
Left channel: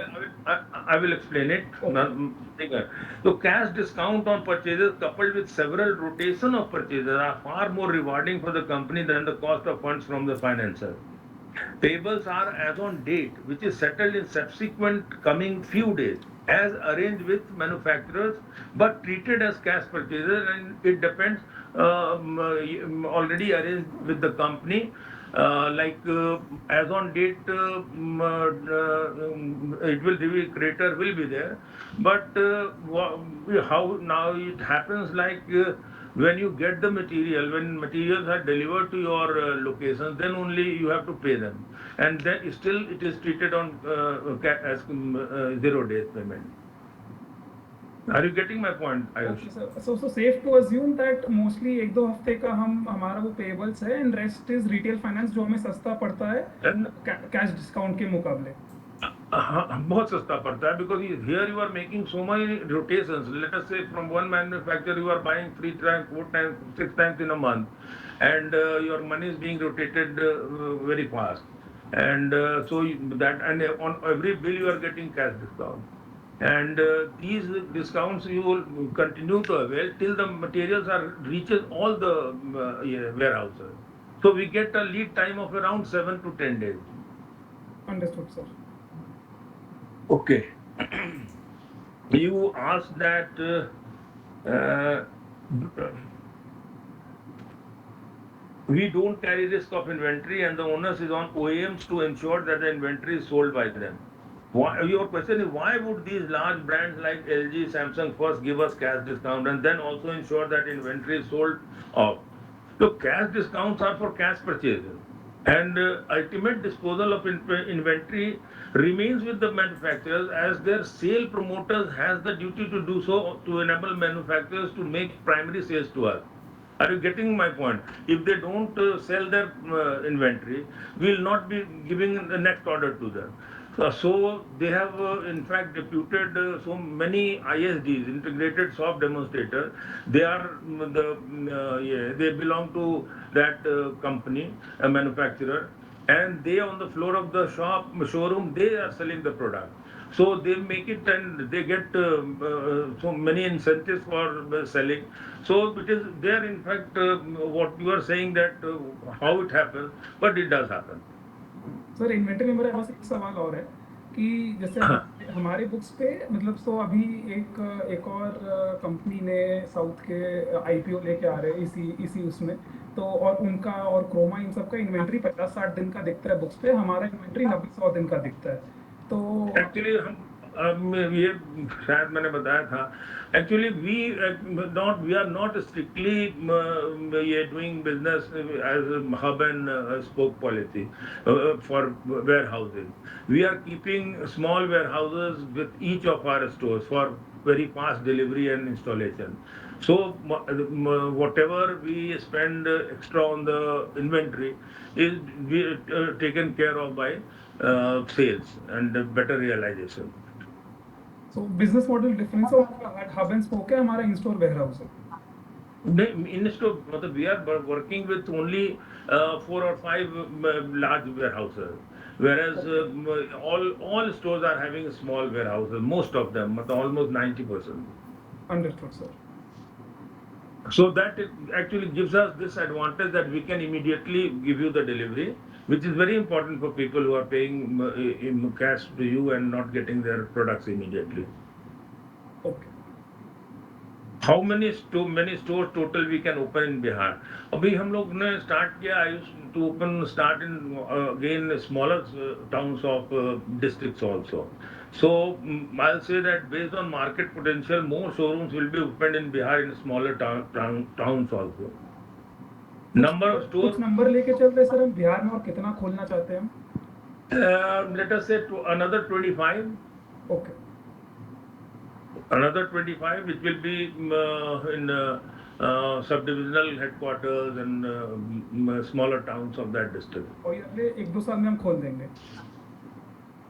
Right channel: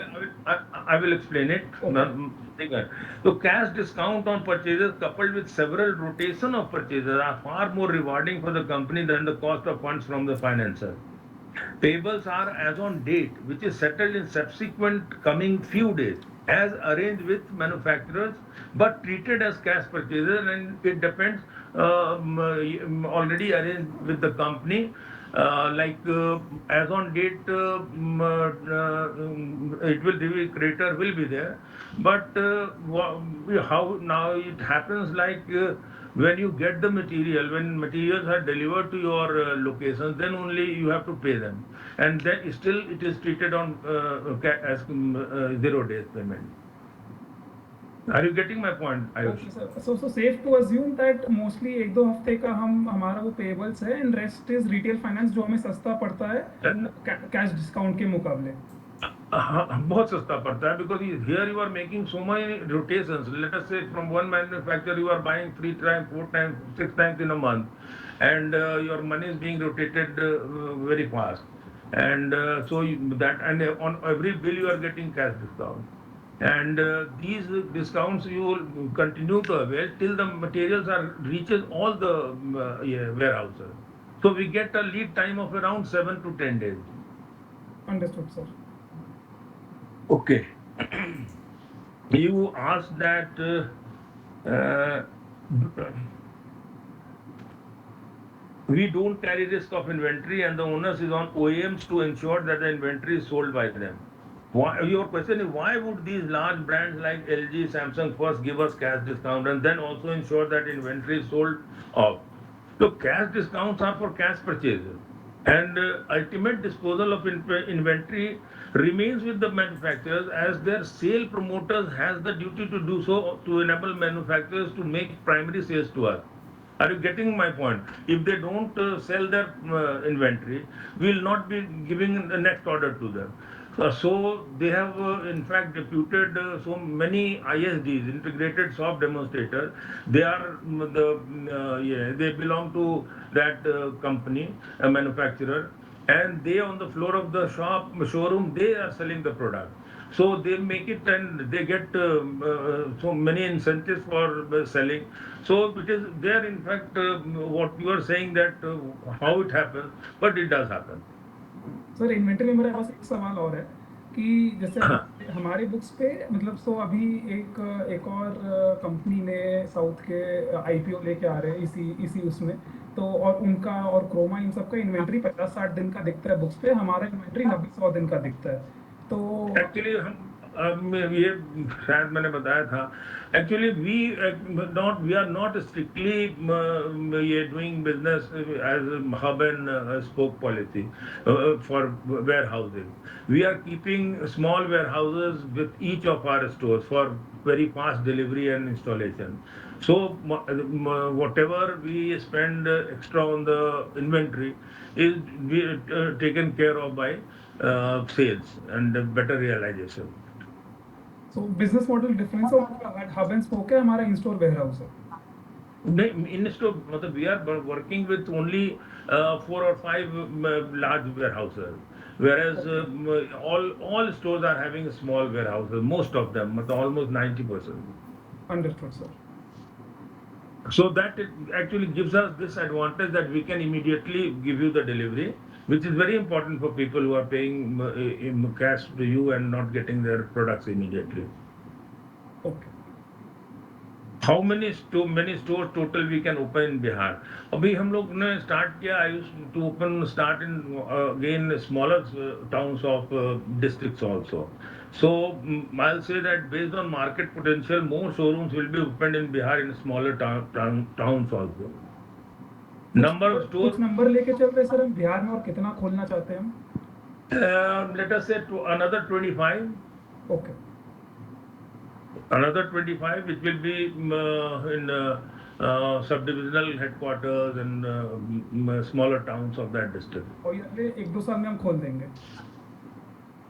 I will explain it. So cash discount on purchases coupled with several rotation of purchases are far more rewarding for the company than the cost of funds from the financer. Payables are as on date, which is settled in subsequent coming few days, as arranged with manufacturers, but treated as cash purchases, and it depends already arranged with the company. As on date, it will be creator will be there, but how now it happens when you get the material, when materials are delivered to your locations, then only you have to pay them, and then still it is treated on as 0 days payment. Are you getting my point, Ayush? So safe to assume that mostly एक दो हफ्ते का हम हमारा वो payables है and rest is retail finance जो हमें सस्ता पड़ता है कैश डिस्काउंट के मुकाबले। बहुत सस्ता पड़ता है, because here you are making so many rotations. Let us say from one manufacturer you are buying 3 times, 4 times, 6 times in a month, and your money is being rotated very fast, and and on every bill you are getting cash discount, and these discounts you will continue to avail till the materials are reaches all the warehouses. So we get a lead time of around 7 to 10 days. Understood sir. Okay. You asked that uh, we don't carry risk of inventory, and the onus is on OEMs to ensure that the inventory is sold by them. Your question is, why would these large brands like LG, Samsung first give us cash discount and then also ensure that inventory is sold off? So cash discounts are for cash purchases, and ultimate disposal of inventory remains with the manufacturers, as their sale promoters has the duty to do so to enable manufacturers to make primary sales to us. Are you getting my point? If they don't sell their inventory, we will not be giving the next order to them. So they have, in fact, deputed so many ISDs, integrated shop demonstrators. They are they belong to that company, a manufacturer, and they on the floor of the showroom, they are selling the product. So they make it and they get so many incentives for selling. So it is there, in fact, what you are saying that how it happens, but it does happen. Sir inventory में मेरा बस एक सवाल और है कि जैसे हमारे बुक्स पे मतलब सो अभी एक और कंपनी ने साउथ के आईपीओ लेके आ रहे हैं इसी उसमें तो और उनका और क्रोमा इन सब का इन्वेंटरी 50-60 दिन का दिखता है बुक्स पे, हमारा इन्वेंटरी 90-100 दिन का दिखता है तो एक्चुअली ये शायद मैंने बताया था, actually we are not strictly ये doing business as hub and spoke policy for warehousing. We are keeping small warehouses with each of our stores for very fast delivery and installation. So whatever we spend extra on the inventory is taken care of by sales and better realization. So business model difference of hub and spoke है हमारा in store warehouse है. In store, मतलब we are working with only 4 or 5 large warehouses, whereas all stores are having small warehouses. Most of them, मतलब almost 90%. Understood, sir. So that it actually gives us this advantage that we can immediately give you the delivery, which is very important for people who are paying in cash to you and not getting their products immediately. Okay. How many stores total we can open in Bihar? अभी हम लोग ने start किया. I used to start in again smaller towns of districts also. So I'll say that based on market potential, more showrooms will be opened in Bihar in smaller towns also. Number of stores. कुछ number लेके चल रहे sir हम बिहार में और कितना खोलना चाहते हैं हम? Let us say another 25. Okay. Another 25, which will be in subdivisional headquarters and smaller towns of that district. और ये अगले 1-2 साल में हम खोल देंगे.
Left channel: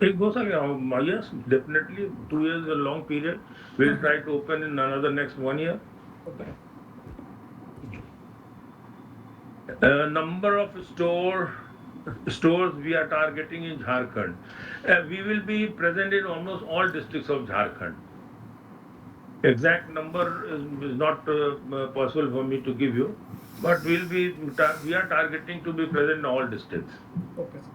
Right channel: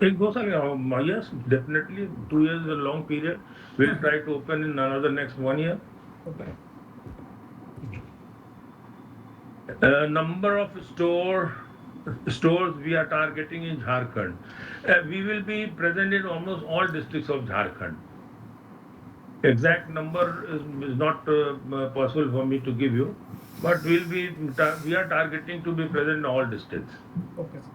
It goes on, yes, definitely. 2 years is a long period. We'll try to open in another next 1 year. Okay. Number of stores we are targeting in Jharkhand. We will be present in almost all districts of Jharkhand. Exact number is not possible for me to give you, but we are targeting to be present in all districts. Okay, sir.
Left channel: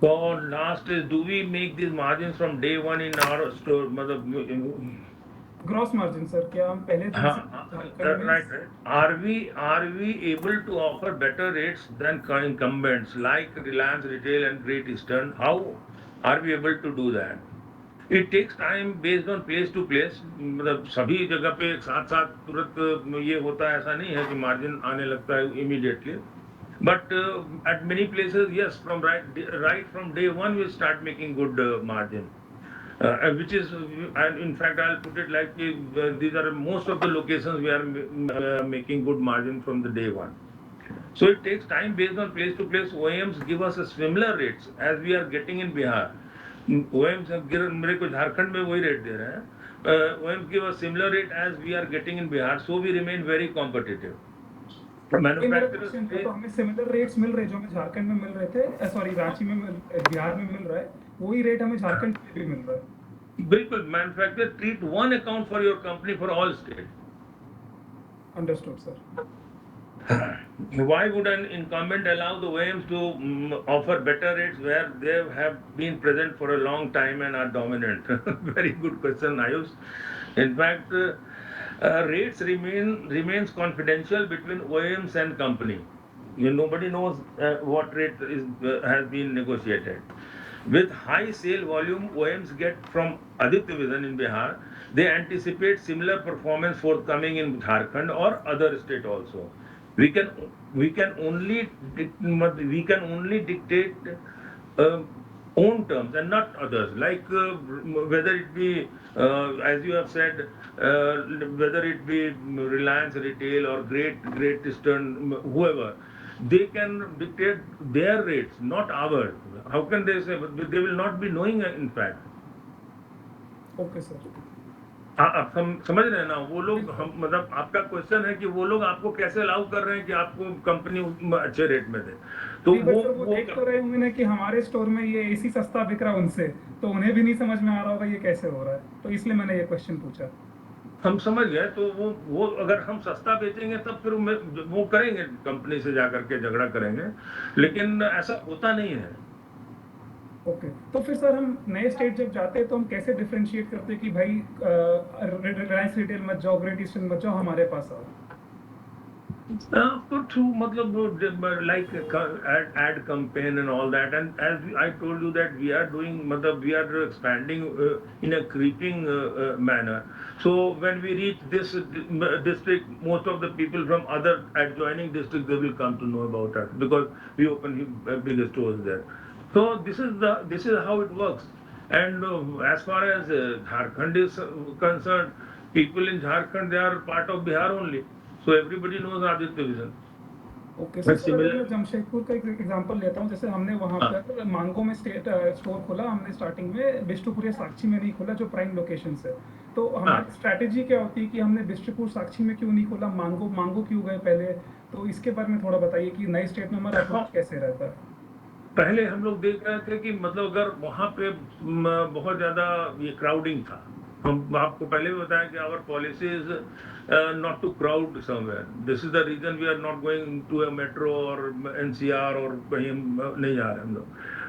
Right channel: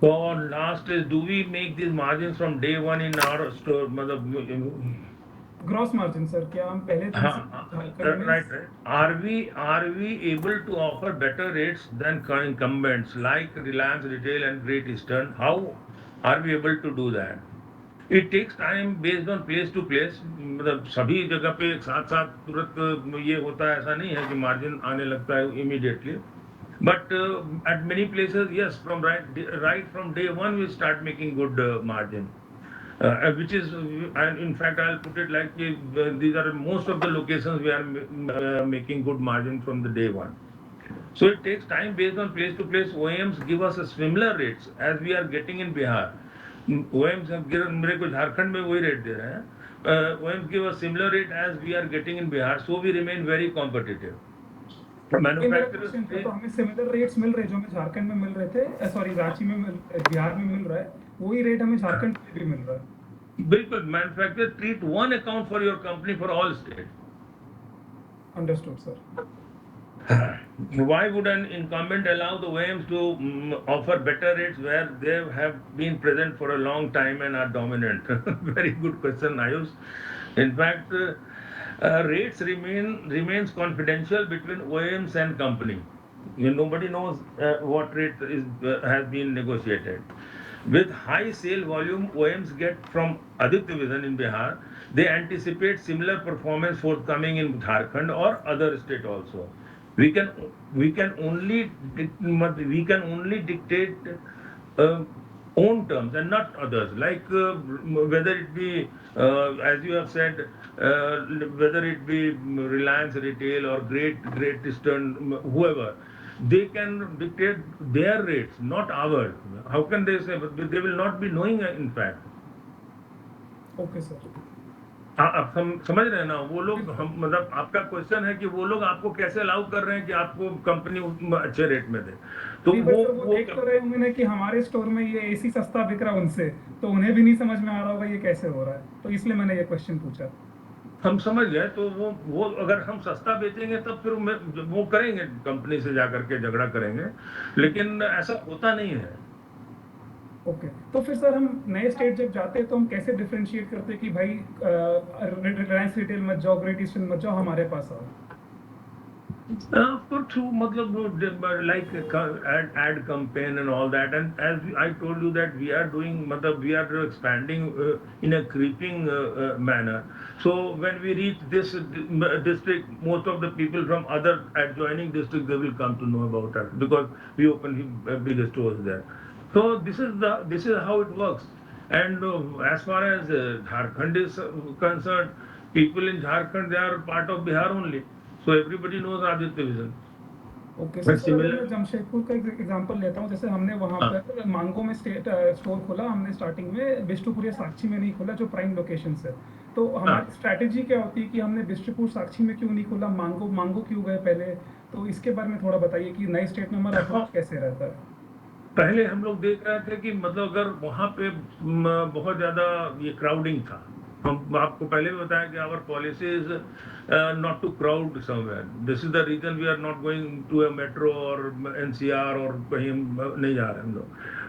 So last is, do we make these margins from day one in our store? Gross margin, sir. क्या हम पहले दिन से झारखंड में Right. Are we able to offer better rates than incumbents like Reliance Retail and Great Eastern? How are we able to do that? It takes time based on place to place. मतलब सभी जगह पे एक साथ साथ तुरंत ये होता है, ऐसा नहीं है कि मार्जिन आने लगता है immediately. But at many places, yes, from right from day one, we start making good margin. Which is, and in fact, I'll put it like these are most of the locations we are making good margin from the day one. So it takes time based on place to place. OEMs give us a similar rates as we are getting in Bihar. OEMs have given, मेरे को झारखंड में वही rate दे रहे हैं. OEMs give a similar rate as we are getting in Bihar, so we remain very competitive. Manufacturers तो हमें similar rates मिल रहे जो हमें झारखंड में मिल रहे थे, सॉरी रांची में बिहार में मिल रहा है, वही रेट हमें झारखंड में भी मिल रहा है. बिल्कुल. Manufacturers treat one account for your company for all states. Understood, sir. Why would an incumbent allow the OEMs to offer better rates where they have been present for a long time and are dominant? Very good question, Ayush. In fact, rates remains confidential between OEMs and company. Nobody knows what rate has been negotiated. With high sale volume OEMs get from Aditya in Bihar, they anticipate similar performance forthcoming in Jharkhand or other state also. We can only dictate own terms and not others. Like whether it be as you have said, whether it be Reliance Retail or Great Eastern, whoever, they can dictate their rates, not ours. How can they say? But they will not be knowing in fact. Okay, sir. आप समझ रहे हैं ना? वो लोग हम मतलब आपका क्वेश्चन है कि वो लोग आपको कैसे अलाउ कर रहे हैं कि आपको कंपनी अच्छे रेट में दे. तो वो देख तो रहे होंगे ना कि हमारे स्टोर में ये एसी सस्ता बिक रहा है उनसे, तो उन्हें भी नहीं समझ में आ रहा होगा ये कैसे हो रहा है, तो इसलिए मैंने ये क्वेश्चन पूछा. हम समझ गए. तो वो अगर हम सस्ता बेचेंगे तब फिर वो करेंगे, कंपनी से जाकर के झगड़ा करेंगे, लेकिन ऐसा होता नहीं है. ओके. तो फिर सर हम नए स्टेट जब जाते हैं तो हम कैसे डिफरेंशिएट करते हैं कि भाई रिलायंस रिटेल मत जाओ, ग्रेट ईस्टर्न मत जाओ, हमारे पास आओ. Through मतलब like ad campaign and all that, and as I told you that we are doing we are expanding in a creeping manner. So when we reach this district, most of the people from other adjoining districts, they will come to know about us because we open bigger stores there. So this is how it works. And as far as Jharkhand is concerned, People in Jharkhand, they are part of Bihar only. So everybody knows Aditya Vision. Okay But sir, अगर similar, मैं जमशेदपुर का एक example लेता हूँ, जैसे हमने वहाँ हाँ, पर मांगो में स्टोर खोला हमने स्टार्टिंग में, बिष्टुपुर या साक्षी में नहीं खोला जो प्राइम लोकेशन है। तो हाँ, हमारी स्ट्रैटेजी क्या होती है कि हमने बिष्टुपुर साक्षी में क्यों नहीं खोला, मांगो मांगो क्यों गए पहले? तो इसके बारे में थोड़ा बताइए कि नए स्टेट में हमारा हाँ। अप्रोच कैसे रहता है। पहले हम लोग देख रहे थे कि मतलब अगर वहां पे बहुत ज्यादा ये क्राउडिंग था, हम आपको पहले भी बताया कि our policy is not to crowd somewhere. This is the reason we are not going to a metro और एनसीआर और कहीं नहीं जा रहे हम लोग।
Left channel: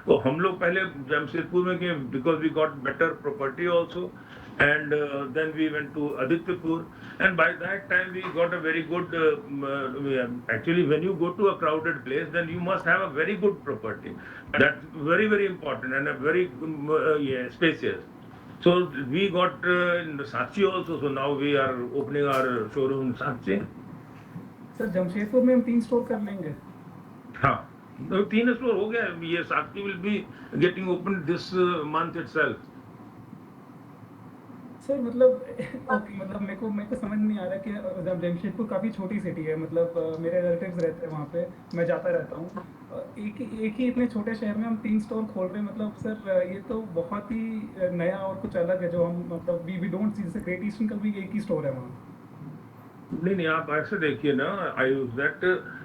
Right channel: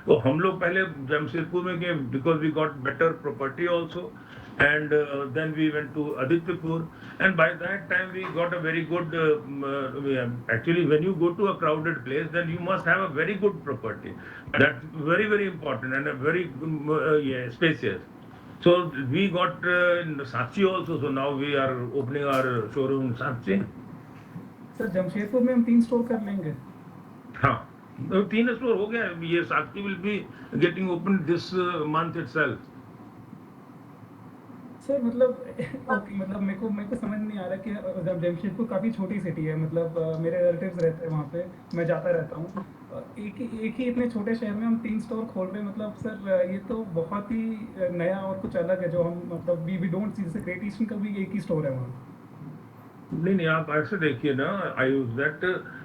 तो हम लोग पहले जमशेदपुर में गए because we got better property also, and then we went to Adityapur, and by that time we got a very good actually when you go to a crowded place then you must have a very good property. That's very very important and a very yeah, spacious. So we got in Sakshi also, so now we are opening our showroom in Sakshi. Sir Jamshedpur में हम 3 store कर लेंगे। हाँ, तो 3 store हो गया। ये Sakshi will be getting opened this month itself. Sir मतलब ओके, मतलब मेरे को समझ नहीं आ रहा कि जब जमशेदपुर काफ़ी छोटी सिटी है, मतलब मेरे रिलेटिव्स रहते हैं वहाँ पे, मैं जाता रहता हूँ। एक ही इतने छोटे शहर में हम 3 स्टोर खोल रहे हैं, मतलब सर ये तो बहुत ही नया और कुछ अलग है जो हम मतलब वी डोंट सी। जैसे ग्रेट ईस्टर्न का भी एक ही स्टोर है वहाँ। नहीं नहीं, आप ऐसे देखिए ना, I use that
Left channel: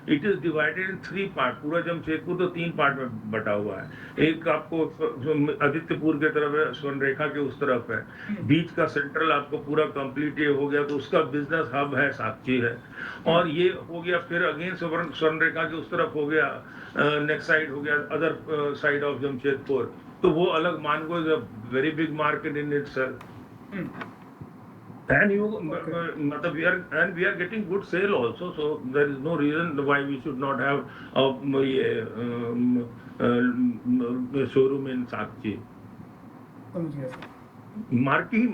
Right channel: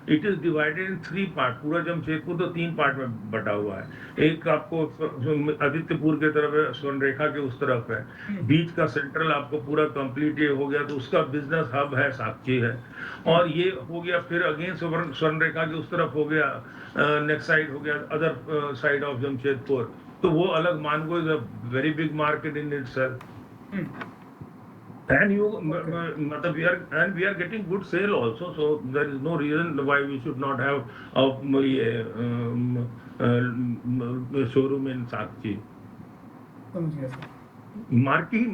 it is divided in 3 part. पूरा जमशेदपुर तो 3 पार्ट में बटा हुआ है। एक आपको आदित्यपुर के तरफ है, स्वर्णरेखा के उस तरफ है, बीच का सेंट्रल आपको पूरा कंप्लीट ये हो गया, तो उसका बिजनेस हब है साक्षी है। और ये हो गया फिर अगेन स्वर्णरेखा के उस तरफ हो गया, नेक्स्ट साइड हो गया अदर साइड ऑफ जमशेदपुर, तो वो अलग Mango is a very big market in itself. And you, matlab we are getting good sale also, so there is no reason why we should not have a showroom in Sakchi. समझ गया sir.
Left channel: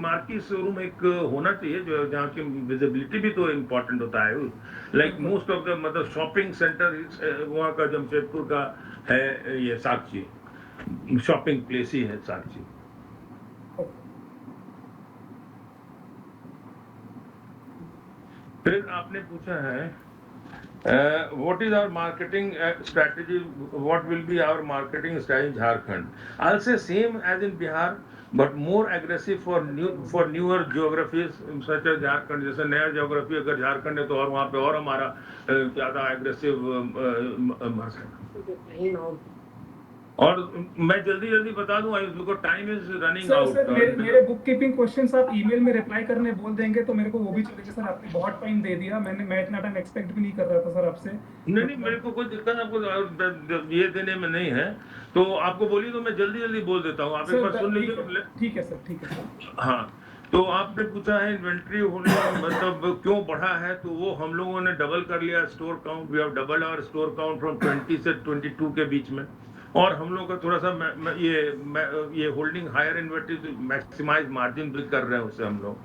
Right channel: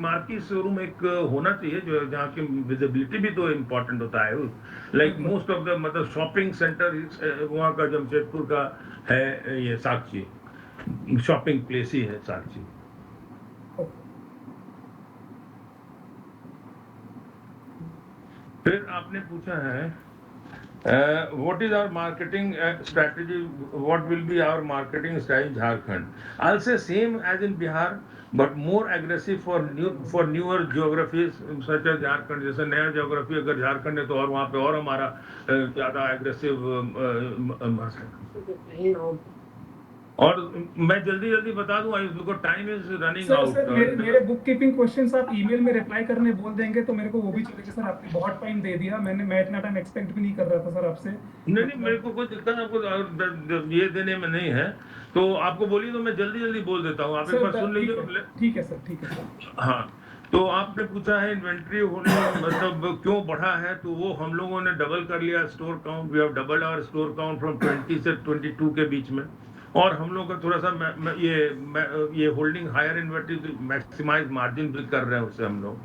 Marquee showroom एक होना चाहिए जो जहाँ की visibility भी तो इम्पोर्टेंट होता है। लाइक मोस्ट ऑफ द मतलब शॉपिंग सेंटर वहाँ का जमशेदपुर का है, ये साक्षी शॉपिंग प्लेस ही है साक्षी। फिर आपने पूछा है what is our marketing strategy, what will be our marketing strategy Jharkhand. I will say same as in Bihar but more aggressive for newer geographies such as Jharkhand. जैसे नया जियोग्राफी अगर झारखंड है तो और वहाँ पे और हमारा ज्यादा एग्रेसिव और मैं जल्दी बता दूं because time is running out. Sir मेरे बुक कीपिंग क्वेश्चंस आप ईमेल में रिप्लाई करने बोल देंगे तो मेरे को वो भी चलेगा सर। आपने बहुत टाइम दे दिया, मैं इतना टाइम एक्सपेक्ट भी नहीं कर रहा था सर आपसे। नहीं, मेरे को कोई दिक्कत आपको ये देने में नहीं है, तो आपको बोलिए तो मैं जल्दी बोल देता हूँ, आप एक बार सुन लीजिए। ठीक है सर, ठीक है। हाँ, तो आपने पूछा है इन्वेंट्री होने मतलब क्यों बढ़ा है, तो वो हम लोगों ने डबल कर लिया store count. We have double our store count from 20 से 22 के बीच में। और हम लोग का थोड़ा सा ये holding higher inventory maximize margin भी कर रहे हैं उससे हम लोग।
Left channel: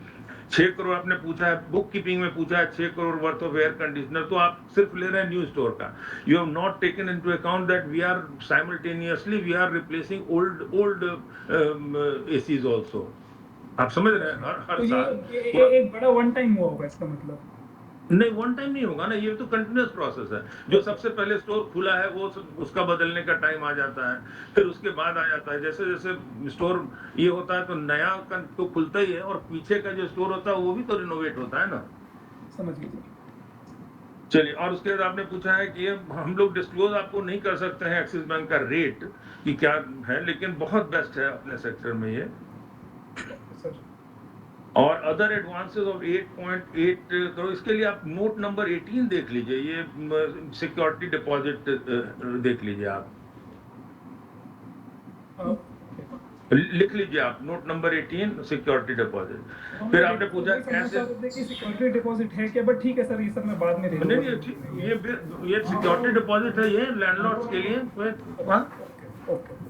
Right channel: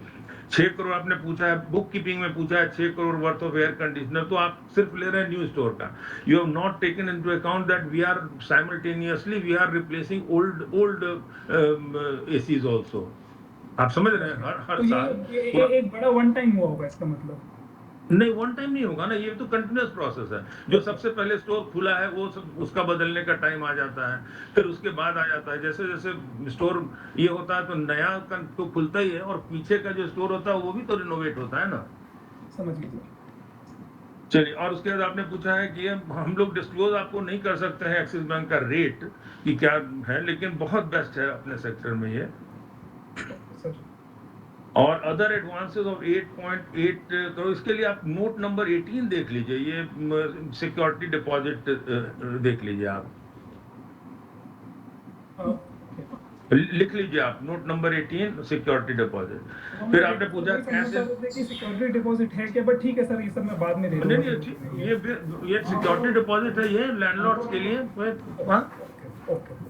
6 करोड़ आपने पूछा है, बुक कीपिंग में पूछा है 6 करोड़ वर्थ ऑफ एयर कंडीशनर, तो आप सिर्फ ले रहे हैं न्यू स्टोर का। You have not taken into account that we are simultaneously we are replacing old ACs also. आप समझ रहे हैं, हर तो साल ये एक बड़ा वन टाइम हुआ होगा इसका मतलब? नहीं, वन टाइम नहीं होगा ना, ये तो कंटिन्यूअस प्रोसेस है। जो सबसे पहले स्टोर खुला है वो उसका बदलने का टाइम आ जाता है, फिर उसके बाद आ जाता है। जैसे जैसे स्टोर ये होता है तो नया तो खुलता ही है, और पीछे का जो स्टोर होता है वो भी तो रिनोवेट होता है ना। समझ गया। चलिए, और उसके बाद आपने पूछा है कि हम लोग डिस्क्लोज आपको नहीं कर सकते हैं एक्सिस बैंक का रेट कि क्या है, लेकिन बहुत बेस्ट है अपने सेक्टर में ये। और अदर एडवांसेस ऑफ 8.8, तो इसके लिए आप नोट नंबर 18 देख लीजिए, ये सिक्योरिटी डिपॉजिट देख लीजिए, आप लिख लीजिए, आप नोट नंबर 18 सिक्योरिटी डिपॉजिट। फिर आपने पूछा कैसे सिक्योरिटी डिपॉजिट है क्या, बट ठीक है सर, ये सब मैं बाद में दे दूंगा। नहीं, ये सिक्योरिटी डिपॉजिट है, ये लैंडलॉर्ड्स के लिए।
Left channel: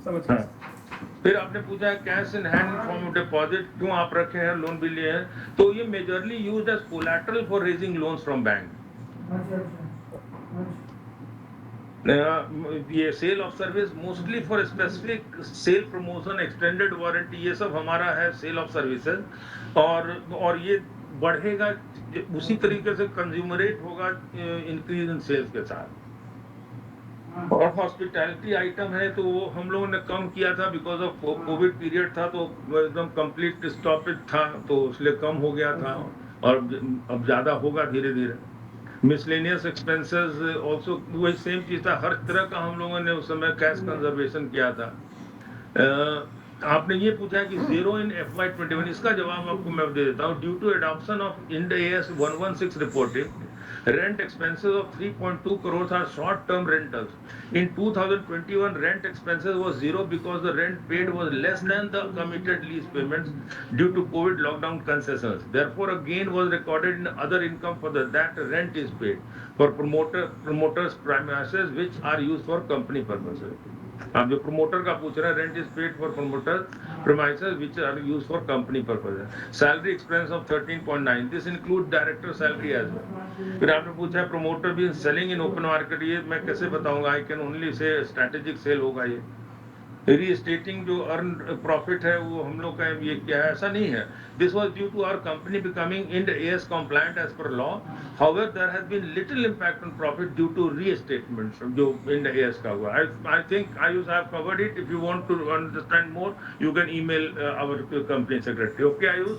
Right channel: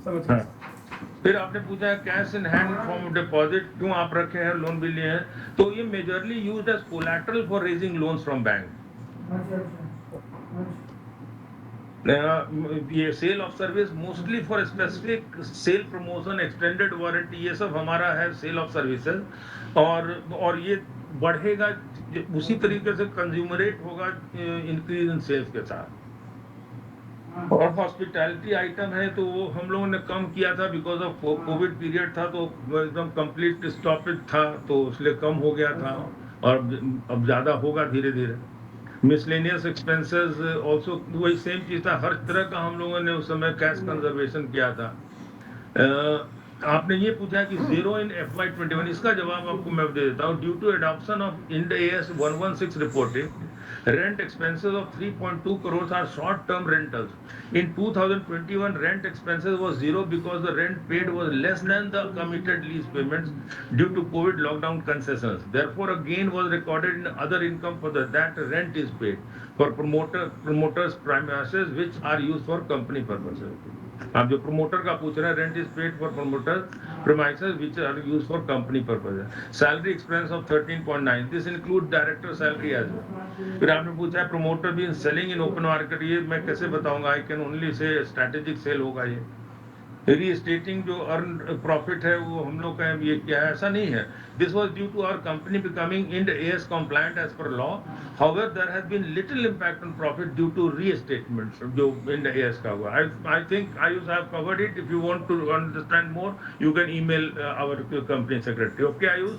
समझ गया। फिर आपने पूछा cash in hand form deposit क्यों आप रखे हैं, लोन भी लिए हैं, तो ये majorly used as collateral for raising loans from bank. ये sale of service mostly for specific sale promotion, extended warranty, ये सब हमारा है सेल ऑफ सर्विसेज। और ये बढ़ेगा, उसी तरीके से कंज्यूमरेट होगा इंक्रीज इन सेल्स के साथ। और हॉस्पिटैलिटी आइटम है तो वो हम लोगों ने कम किया था बिकॉज ऑफ कोविड पीरियड था, तो एकदम कंप्लीट स्टॉपेज था, तो इसलिए कम हो गया था, और अब ज्यादा होगा धीरे धीरे। मिसलेनियस एक्सपेंसेस ऑल्सो वही सेम चीज था, हर तरह का हम लोगों ने उस समय कैश कंजर्वेशन किया था। आपने ये पूछा कि जीरो इन FY21, इसका जवाब आपको मैं दे देता हूँ। Due to adoption of Ind AS 116 reporting, rent expenses of 3.2 crores are short term rentals. In 2021, rent expenses was zero because the rent paid was less than the committed lease payments due to COVID lockdown concessions. Therefore, a gain was recorded in other income for that rent is paid for promoters premises which are used for company purposes. आप जो promoter का पूछ रहे हैं, rent is paid for promoter premises which are used for company purposes. Salary expense of 13.9, this include director salary as well. फिर आपने पूछा promoter भी सेलिंग इन ओपन मार्केट, ये मैं कैसे बताऊंगा, I can only say strategic cell होगा ये। रीस्टेटिंग जो अर्न प्रॉफिट है वो हम लोग का ये क्या है, ऐसा नहीं है। This was due to our company becoming Ind AS compliant as per law. However there has been little impact on profit due to restatement जो इंड AS का हुआ। I think Ayush have covered it. If you want to understand more you can email our company secretary. Okay Ayush?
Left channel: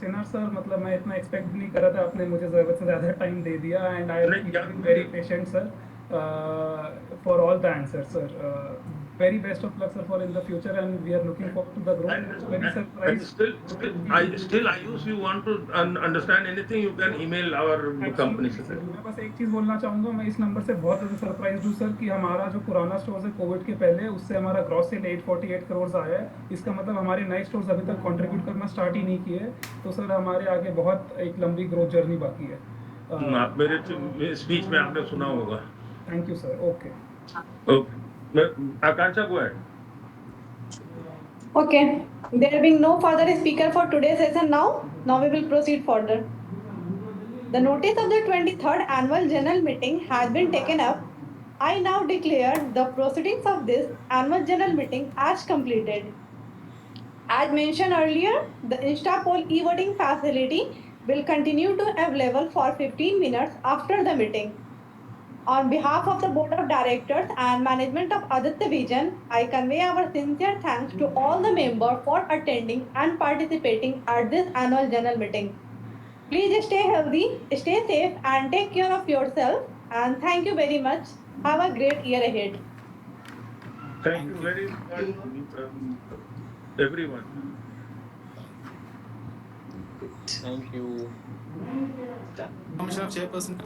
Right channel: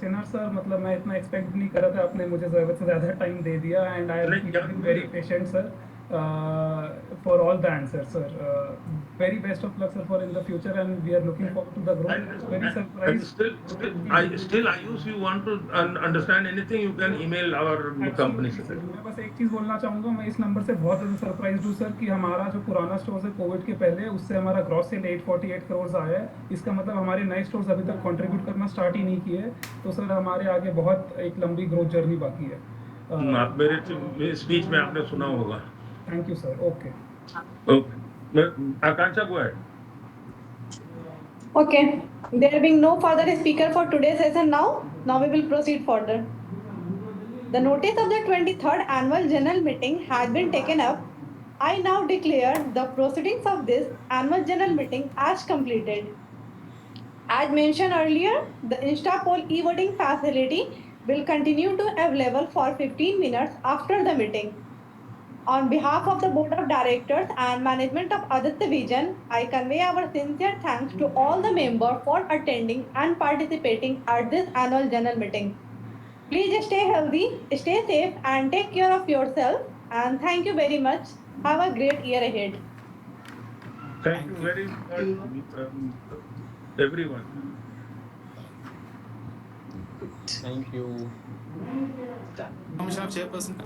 Sinha sir, मतलब मैं इतना expect नहीं कर रहा था, आपने मुझे ज़रूरत से ज़्यादा टाइम दे दिया एंड आई नहीं, क्या- am very patient sir for all the answer sir. Very best of luck sir for in the future and we are looking forward to the growth. Very And surprise. still, Ayush, you want to understand anything, you can email our company secretary. मैं बस एक चीज़ बोलना चाहूँगा, मैं इस number से बहुत ज़्यादा सरप्राइज हूँ सर कि हमारा जो पुराना स्टोर है कोविड के पहले, उससे हमारा ग्रॉस सेल 848 करोड़ आया है। इसका मतलब हमारे नए स्टोर्स अभी तक कंट्रीब्यूट करना स्टार्ट ही नहीं किए, तो सर हमारे आगे बहुत एक लंबी ग्रोथ जर्नी बाकी है। आप मेरे स्पीच में आपने सुना होगा। Thank you sir. ओके। आकांक्षा को है। Okay, there being no further speaker for today's session now we will proceed further. The notice of the 23rd annual general meeting has been taken up. I now declare the proceedings of this annual general meeting as completed. As mentioned earlier, the InstaPoll e-voting facility will continue to available for 15 minutes after the meeting. On behalf of the Board of Directors and management of Aditya Vision, I convey our sincere thanks to all the members for attending and participating at this annual general meeting. Please stay healthy, stay safe, and take care of yourself. And thank you very much. Have a great year ahead. Thank you very much, everyone. Thank you. Commissioner Chairperson.